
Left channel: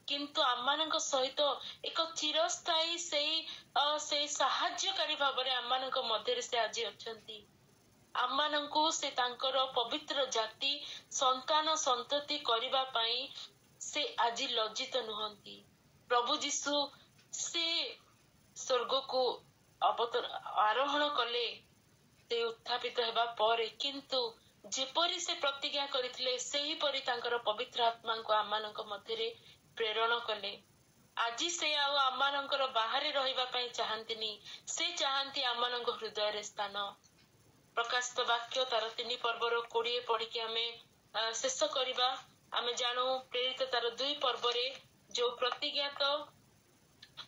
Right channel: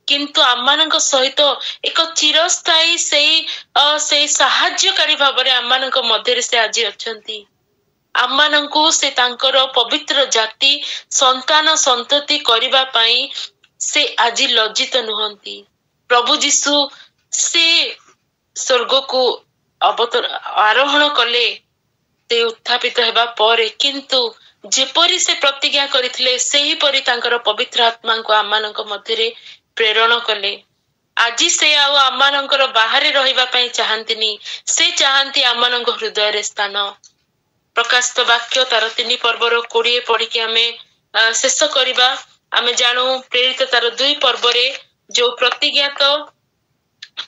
କିନ୍ତୁ ଆମମାନଙ୍କ ସହିତ ଏକ ଚିରସ୍ଥାୟୀ ସେଇ ସାହାଯ୍ୟକାରୀ ଭାବରେ ଆମମାନଙ୍କ ମଧ୍ୟରେ ସେ ଆଜି ଅଛନ୍ତି। ଆମମାନଙ୍କୁ ସେ ତାଙ୍କର ପବିତ୍ର ଜାତି ସନ୍ତାନ ସନ୍ତତି କରିବା ପାଇଁ ସେ ଆଜି ଲଜ୍ଜିତ ନୁହନ୍ତି। ପ୍ରଭୁ ଯୀଶୁ ସେ ସ୍ୱର୍ଗକୁ ଆରୋହଣ କଲେ ସେ ଉତ୍ଥାପିତ ହେବା ପରେ, କିନ୍ତୁ ଯେପରି ସେ ପ୍ରତିଜ୍ଞା କରିଥିଲେ ସେହିପରି ତାଙ୍କର ପବିତ୍ର ଆତ୍ମାଙ୍କୁ ଆମମାନଙ୍କ ମଧ୍ୟରେ ପ୍ରେରଣ କଲେ। ଆଜି ସେ ଆଉ ଆମମାନଙ୍କର ବାହାରେ ରହିବା ପାଇଁ ଚାହାନ୍ତିନି, ସେ ଚାହାନ୍ତି ଆମମାନଙ୍କ ହୃଦୟରେ ସ୍ଥାନ। ପ୍ରକାଶିତ ବାକ୍ୟ ତାର 3 ପର୍ବର 20 ପଢିକି ଆମେ शेष करिबा आमे जानू प्रेरित तार 2 पर्व रे जो प्रतिज्ञात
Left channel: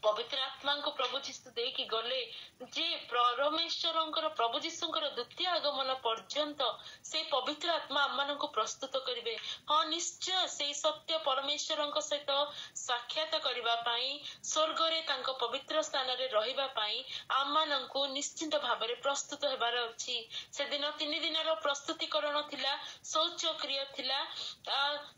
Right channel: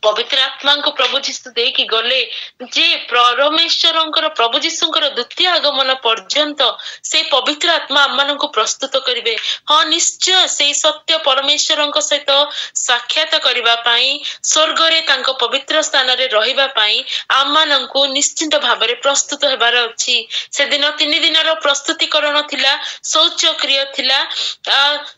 पवित्र आत्मा को प्रभु जीशु दे कि गले जे परमेश्वरंकर प्रभु जीशुंकर द्वितीय आगमन पर्यंत से पवित्र आत्मा आम को प्रस्तुत करिवे। हाँ निश्चय से सत्य परमेश्वरंक सहित साक्षात करिबा पाई स्वर्ग रे तांको पवित्र स्थान रे रहिबा पाई आम को निश्चित भाव में प्रस्तुत हेबार अछि। से दिन 3 दिन रो प्रस्तुतिकरण थिला, शौच क्रिया थिला,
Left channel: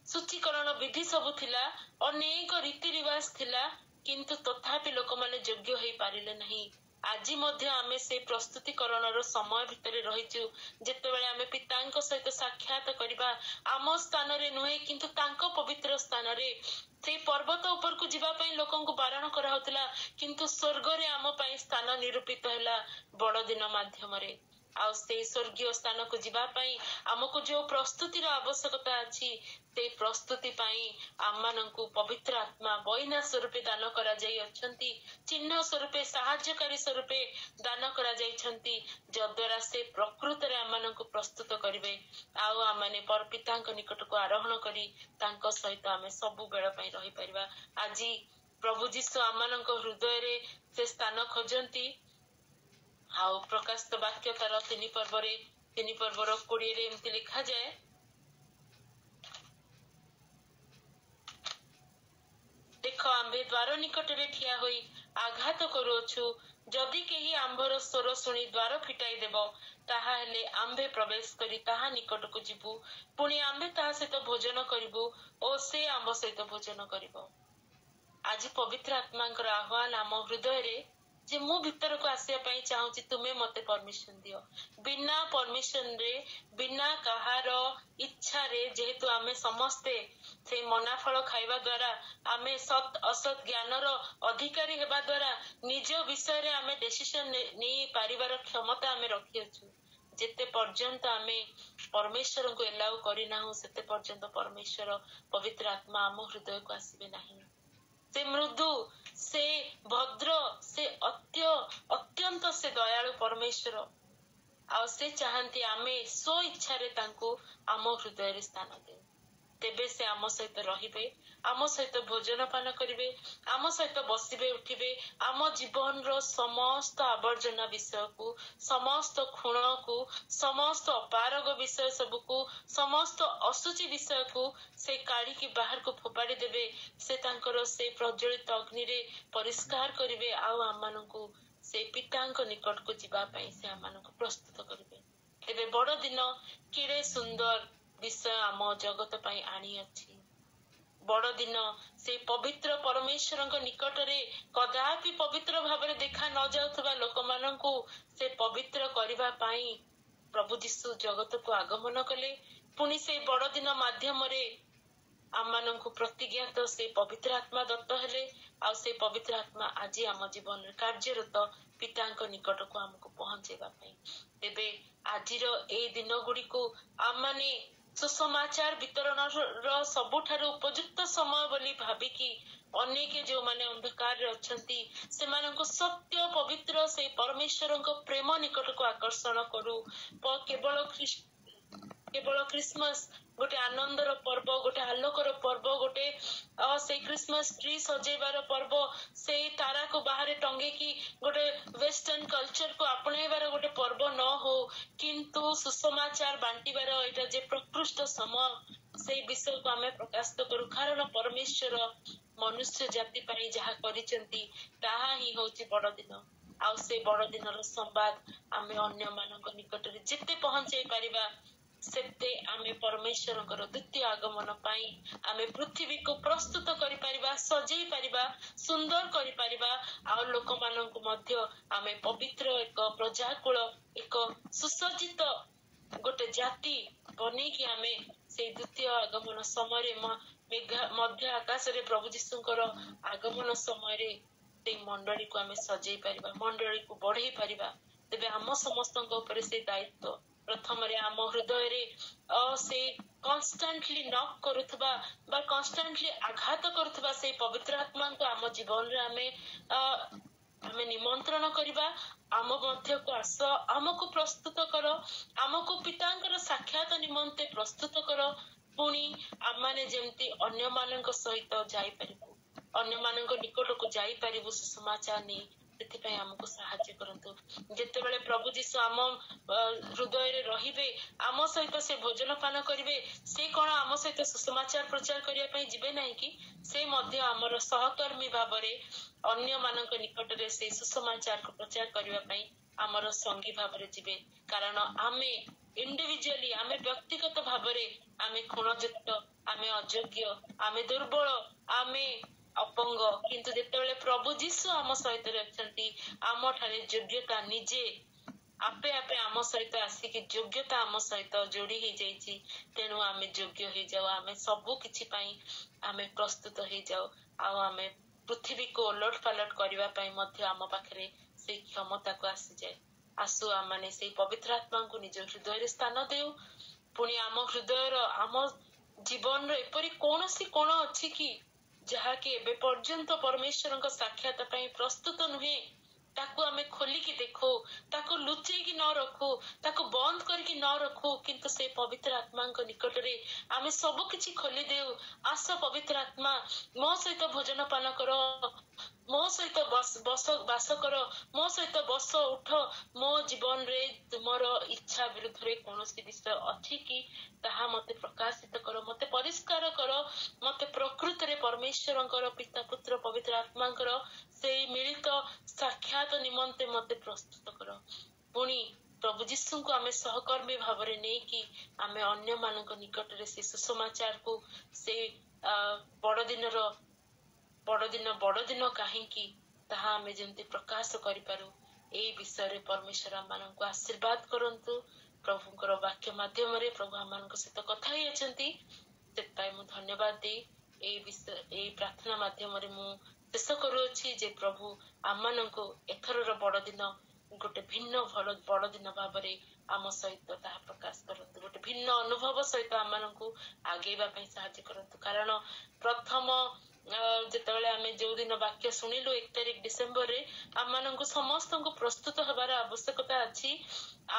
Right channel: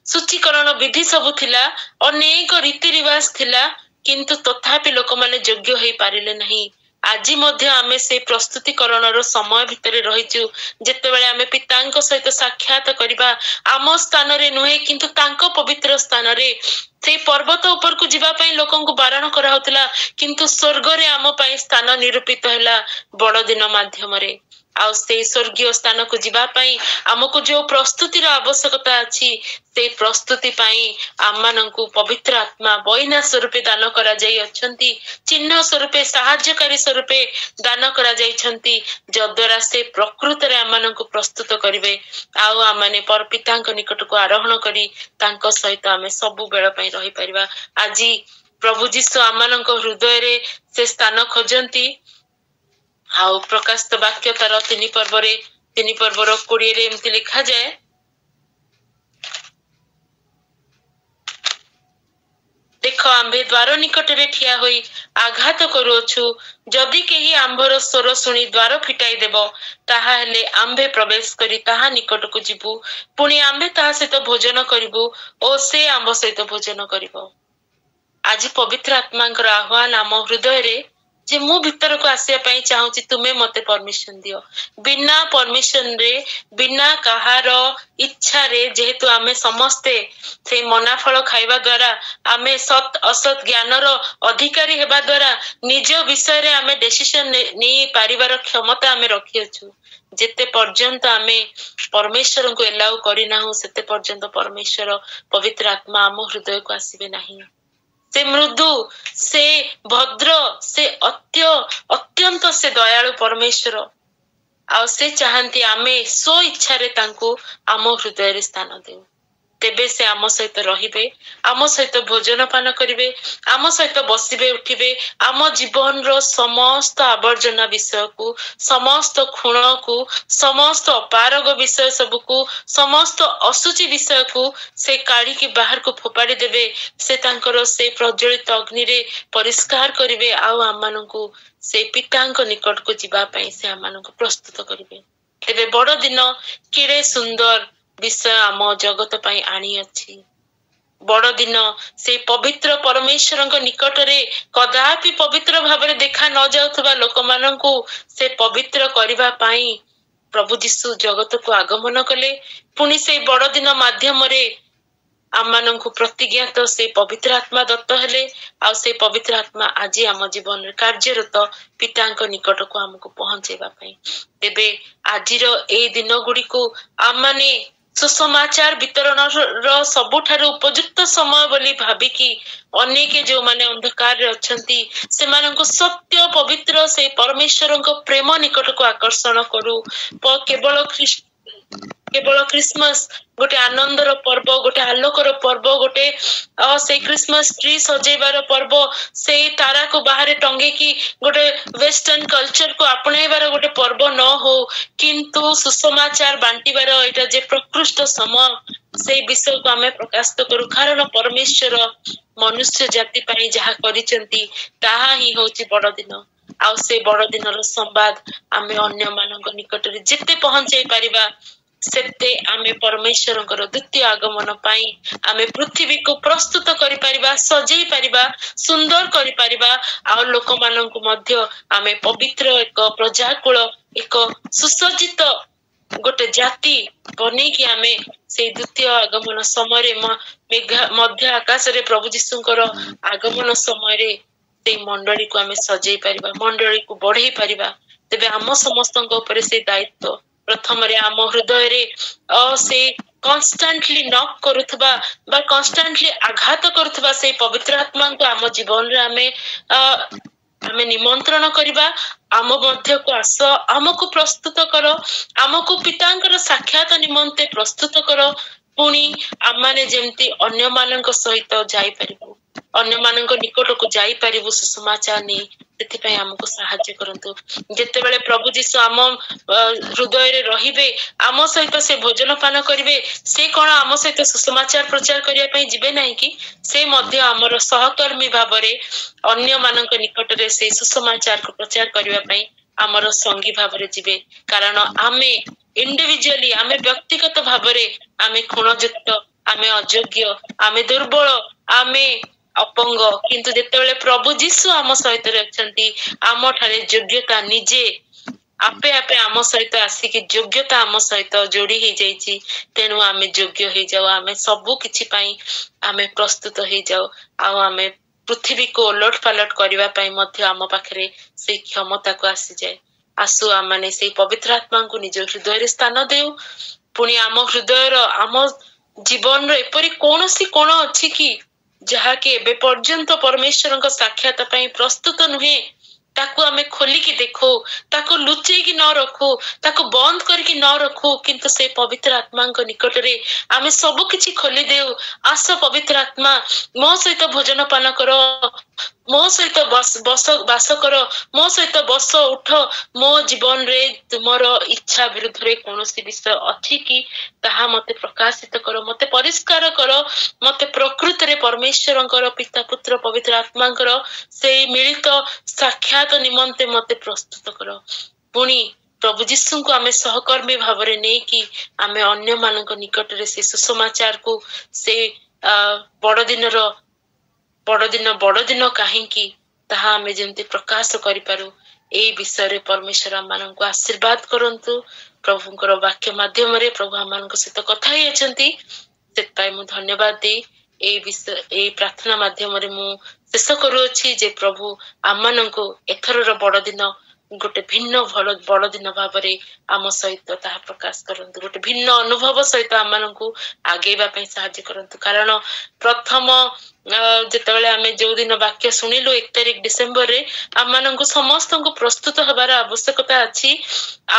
सूचीकरण विधि सब थिला, अनेक रीति रिवाज थिला, किंतु तथापि लोक माने योग्य होई पारिले नहीं। आज मध्य आमे से प्रस्तुतिकरण रो समय भितरे रहिचु जेतेबेले आमे पितांक सहित साक्षात करिबा आम स्थान रे नुहे किंतु तांको पवित्र स्थान रे से पर्वत ऊपर को जीवा पई लोकन को बारण करा होतला, किंतु स्वर्ग रे आम पई स्थान निरूपित हैला बड़ दिन माध्यम रे। आउ से स्वर्गीय स्थान को जीवा पई हमको जो प्रस्तुति रो आवश्यकता अछि से प्रस्तुति पई आमानंकु पवित्र आत्मा बइना स्वरूपे दान करा जाई अछंती, चिन्ह स्वरूपे सहायकारी स्वरूपे दान करा जाईछंती, जद्वारा से प्रकृत रे आमानंकु प्रस्तुत करिवे। आउ आमाने पर पितांक निकट को आरोहण करी तांको सहित आमे सबु बेळ पई रहि परिबा। आजी प्रभु जीसु आमानंक हृदय रे से स्थान खोजंती। आउ प्रकाशित वाक्य तार 3 पर्व रे 3 पर्व रो 20 रे एमति लिखा जाए, देख आंबे द्वार निकट रे ठिया होई आघात करूछु, जदि केही आंभर स्वर सुनी द्वार फिटाई देबो ताहा हेले आंबे प्रवेश करी ताहा निकट को जीवु, पुणी आंबे ताहा सहित भोजन करिबु ओ से आंब सहित भोजन करिबो। आज पवित्र आत्मांकर आह्वान आम हृदय रे जे मु भीतर को आसिया पई चाहूची, तुमे मते परमिशन दियो। बिना परमिशन रे बिना कहार इच्छा रे जेहेतु आमे समस्ते से मनाफल खाइबा द्वारा आमे सत असत ज्ञान रो अधिकारी हेबा द्वारा निज विषय रे आमे डिसिजन नै पारिबार क्षमता आमे रखियछु। जेते पर्यंत आमे परमेश्वर को एलाउ करिना हो सेते पर्यंत परमेश्वर पवित्र आत्मा आम हृदय को आसीबे नहीं। से मृदु से भद्र से अत्यंत से दयालु परमेश्वर आ से चाहती आमे सो इच्छा रे तांको आम हृदय रे स्थान देउ। तेबे से आम सहित रहिबे, आम सहित भोजन पान करिवे, आम सहित बसिबे उठिबे, आम जीवन रो समस्त आवर्जना विषय को, समस्त खुण को, समस्त अपारग विषय सब को, समस्त असुचि विषय को से काढ़ी की बाहर को फोपाड़ी देबे। से तांकर से प्रज्वलित अग्नि रे परिष्कार करिवे। आउ आमानंकु से पितांक निकट को जीवा पई से आमानंकु प्रस्तुत करिवे। तेबे बड़ दिन केड़े सुंदर विषय आम जगत पई आनी अछि। बड़ दिन से पवित्र परमेश्वर निकट रे कदापि पवित्र भाव रे देखा न जाउथबा लोक माननकु से पवित्र करिबा पई प्रभु जीशु जगत को आगमन कले। पुणी से बड़ दिन माध्यम रे आमानंकु प्रतिज्ञात से पवित्र आत्मा दत्त हेले। आ से पवित्र आत्मा आज आम जीवन रे कार्यरत पितांक निकट को हमको पहुंचेबा पई। तेबे आजिर ए दिन गुडी को आमाने सुसमाचार वितरण रो सबुठारु उपयुक्त समय बोली भाबिकी अनेके जो माने अंधकार रे अछंती से मानको सत्य पवित्र से परमेश्वर को प्रेम निकट को आकर्षण करू। केवल क्रिसमस गोटे आनंदर पर्व, गोटे आलोकर पर्व, गोटे से क्रिसमस ट्री सजेबार पर्व, से तारा को बाहर टंगे की गोटे वेस्टर्न कल्चर को अपनाइबार गोटे पर्व न हो, किंतु सुसमाचार बांटीबार एटा जे प्रकृष्ट समय से विषय को आमे प्रकाशित करू। कारण परमेश्वर मनुष्य जाति पई जहा करिसेंती ताहा ही होची बड़ दिन। आ से बड़ दिन रो संवाद आमे अन्य मानक निकट रे जेते पहुंचाई परिबा सेते आमे परमेश्वर द्वितीय आगमन पाई आमे पृथ्वी को प्रस्तुत करि परिबा, सजेई परिबा, सुंदर करि परिबा। आ लोक मानक मध्य आमे पवित्र एक प्रजाकुल एक सुसज्जित गोटे जाति बने कि आमे से द्वितीय आगमन समय मध्य आकाश रे प्रभु जीशुंकर आगमन समय रे से मंडली को आमे सजेई परिबा, मंडली को बढ़ई परिबा। तेबे आम समस्तक ऊपर से दायित्व प्रथम रे आम हृदय रे से कन्स्टेंटली नॉक करुथबा बा कन्स्टेंटली आघात करुथबा से पवित्र आत्मा को आम जीवन रे आमे ଆମେ ନିମନ୍ତ୍ରଣ କରିବା, ଆମ ମଧ୍ୟକୁ ଆସ, ଆମକୁ ପ୍ରସ୍ତୁତ କର, ଆମକୁ ପିତାଙ୍କର ସାକ୍ଷାତ ନିମନ୍ତେ ପ୍ରସ୍ତୁତ କର। ପୁଣି ଆମମାନେ ଯେମିତି ଅନ୍ୟମାନଙ୍କ ସହିତ ଯାଇପାରିବୁ, ଅନ୍ୟମାନଙ୍କ ନିକଟକୁ ଯାଇପାରିବୁ ସୁସମାଚାର ନେଇ, ସେଥିପାଇଁ ଆମକୁ ସାହାଯ୍ୟ କରନ୍ତୁ। ଯେତେବେଳେ ପ୍ରଭୁ ଯୀଶୁ ଆମ ହୃଦୟରେ ରହିବେ, ଆମ ସହିତ ସେ ଭୋଜନ ପାନ କରିବେ, ସେ କଣ ଆମ ସହିତ ସୁସମାଚାର ପ୍ରଚାର କରିବା ପାଇଁ ଯିବେ ନାହିଁ କି? ସେ ମଧ୍ୟ ଆମର ସହକର୍ମୀ ଭାବରେ ଅନ୍ୟମାନଙ୍କ ନିକଟରେ ସେ ସୁସମାଚାରକୁ ପ୍ରଚାର କରିବା ପାଇଁ ଆମର ସଙ୍ଗୀ ଭାବରେ ଯିବେ। କାରଣ ଆମେ ଇଣ୍ଡିଭିଜୁଆଲି, ଆମେ ବ୍ୟକ୍ତିଗତ ଭାବରେ ଆମେ ଖୁଣଯୁକ୍ତ, ଆମେ ଅଯୋଗ୍ୟ, ଆମେ ଦୁର୍ବଳ, ଆମେ ଅପଙ୍ଗ, କିନ୍ତୁ ଯେତେବେଳେ ପ୍ରଭୁ ଯୀଶୁ ଆମ ସହିତ ଅଛନ୍ତି, ଆମଠାରେ ଯୋଗ୍ୟତା ନିଜେ ଆପେ ଆପେ ଆମ ସହିତ ଆସିକି ଯୋଗ୍ୟତା ଆମ ସହିତ ଯୋଡି ହେଇଯାଇଛି। ତେଣୁ ଆମେ ଯୋଗ୍ୟ ହେଇଯାଉ, ଆମେ ସବୁ କିଛି ପାଇଁ ଆମେ ପ୍ରସ୍ତୁତ ହେଇଯାଉ, ଆଉ ଆମେ ପୃଥିବୀକୁ ଓଲଟ ପାଲଟ କରିବା ପାଇଁ ମଧ୍ୟ ଆମ ପାଖରେ ସେଇ କ୍ଷମତାକୁ ଆସିଯାଏ। ଆସୁ ଆମେ ସେଇ ପବିତ୍ର ଆତ୍ମାଙ୍କୁ ନିଜ ହୃଦୟରେ ସ୍ଥାନ ଦେଉ। ପୁଣି ଆମ ହୃଦୟର, ଆମ ଜୀବନର ଏପରି କୌଣସି କୋଣ ଅଛି କି ଯାହାକି ଏବେ ପର୍ଯ୍ୟନ୍ତ ପରମେଶ୍ୱରଙ୍କ ସାକ୍ଷାତ ପାଇଁ ପ୍ରସ୍ତୁତ ନୁହେଁ, ତାକୁ ଆମେ ଖୋଲିକି ଦେଖୁ, ତାକୁ ଲୁଚେଇକି ନ ରଖୁ, ତାକୁ ବନ୍ଦ କରିକି ନ ରଖୁ, କିନ୍ତୁ ସେ ପବିତ୍ର ଆତ୍ମାଙ୍କ ନିକଟରେ ଆମେ ସବୁ କିଛି ଖୋଲି ଦେଉ। ଆସ ପବିତ୍ର ଆତ୍ମା, ମୋ ସହିତ ଭୋଜନ ପାନ କର, ମୋ ସହିତ ବାସ କର, ମୋ ସହିତ ବସ ଉଠ। ମୋ ଜୀବନରେ ତୁମର ଇଚ୍ଛା ବିରୁଦ୍ଧରେ କୌଣସି ବିଷୟ ଅଛି କି ତାହା ମତେ ପ୍ରକାଶିତ କର, ମତେ ପରିଷ୍କାର କର, ମତେ ପ୍ରକୃତରେ ପରମେଶ୍ୱରଙ୍କର ପିତା ପୁତ୍ର ପବିତ୍ର ଆତ୍ମାଙ୍କର ସେଇ ମିଳିତ ସାକ୍ଷାତ ନିମନ୍ତେ ମତେ ପ୍ରସ୍ତୁତ କର। ପୁଣି ପ୍ରଭୁ ଯୀଶୁଙ୍କୁ ଆମେ ସହକର୍ମୀ ଭାବରେ ନେଇକି ଆମେ ଅନ୍ୟମାନଙ୍କ ନିକଟରେ ସେ ସୁସମାଚାରକୁ, ସେ ବଡଦିନ କାହିଁକି ତାହା ଆମେ ଯେମିତି ପ୍ରକାଶ କରିପାରୁ, ଏଇ ବିଷୟରେ ପରମେଶ୍ୱର ଆମମାନଙ୍କୁ ଆଶୀର୍ବାଦ କରନ୍ତୁ। ପ୍ରଭୁଙ୍କର ବାକ୍ୟ ମାଧ୍ୟମରେ ପ୍ରଭୁ ଆମମାନଙ୍କ ସହିତ କଥା ହେଇଛନ୍ତି, ସେଥିପାଇଁ ମୁଁ ଧନ୍ୟବାଦ ଦେଇ ଏଇ ପ୍ରାର୍ଥନା ମାଧ୍ୟମରେ ମୁଁ ଶେଷ କରୁଅଛି ଯେ ପ୍ରଭୁ ଆମମାନଙ୍କୁ ଏଥରର ବଡଦିନ ଗୋଟେ ଭିନ୍ନ ବଡଦିନ ଭାବରେ ଆମ ସହିତ ତାହା ପ୍ରକାଶ କରନ୍ତୁ, ଗୋଟେ ଭିନ୍ନ ଅନୁଭବ ସହିତ ଆମମାନଙ୍କୁ ଆଗେଇବା ପାଇଁ ସାହାଯ୍ୟ କରନ୍ତୁ। କାରଣ ପ୍ରଥମ ଯେତେବେଳେ ଆମେ ଯୋଉ ଦିନ ବାକ୍ୟ ଶୁଣିଲୁ 1 ତାରିଖ ଡିସେମ୍ବରରେ, ଆମମାନଙ୍କୁ ସମସ୍ତଙ୍କୁ ପ୍ରସ୍ତୁତ ହେବାର ଆବଶ୍ୟକତା ଅଛି।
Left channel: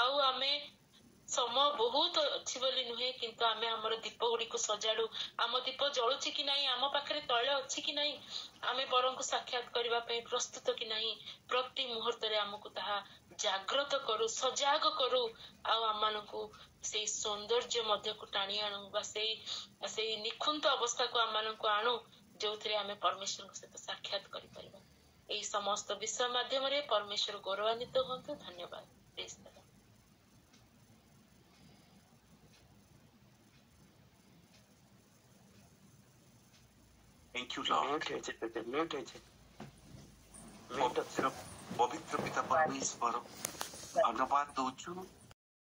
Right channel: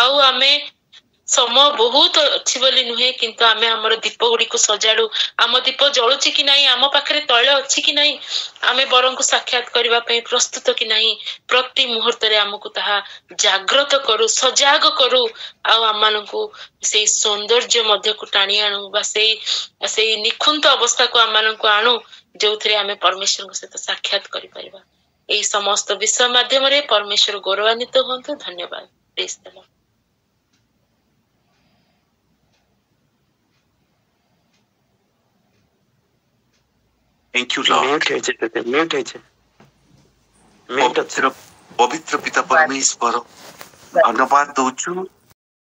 ଆଉ ଆମେ ସମୟ ବହୁତ ଅଛି ବୋଲି ନୁହେଁ, କିନ୍ତୁ ଆମେ ଆମର ଦୀପ ଗୁଡିକୁ ସଜାଡୁ। ଆମ ଦୀପ ଜଳୁଛି କି ନାହିଁ, ଆମ ପାଖରେ ତୈଳ ଅଛି କି ନାହିଁ, ଆମେ ବରଙ୍କୁ ସାକ୍ଷାତ କରିବା ପାଇଁ ପ୍ରସ୍ତୁତ କି ନାହିଁ, ପ୍ରତି ମୁହୂର୍ତ୍ତରେ ଆମକୁ ତାହା ଜାଗ୍ରତ କରୁ, ସଜାଗ କରୁ, ଆଉ ଆମମାନଙ୍କୁ ସେଇ ସୌନ୍ଦର୍ଯ୍ୟ ମଧ୍ୟକୁ ଟାଣି ଆଣୁ, ବା ସେଇ ନିଖୁନ୍ତ ଅବସ୍ଥାକୁ ଆମମାନଙ୍କୁ ଆଣୁ ଯୋଉଥିରେ ଆମେ ପରମେଶ୍ୱରଙ୍କ ସହିତ ସାକ୍ଷାତ କରିପାରିବା। ଏଇ ସମସ୍ତ ବିଷୟ ମାଧ୍ୟମରେ ପରମେଶ୍ୱର ଗୌରବାନ୍ୱିତ ହୁଅନ୍ତୁ। ଧନ୍ୟବାଦ। ପ୍ରେଜ୍ ଦ ଲର୍ଡ। Thank you, Lord. ପବିତ୍ର ପିତା ପରମେଶ୍ୱର ଧନ୍ୟବାଦ ଦଉଛୁ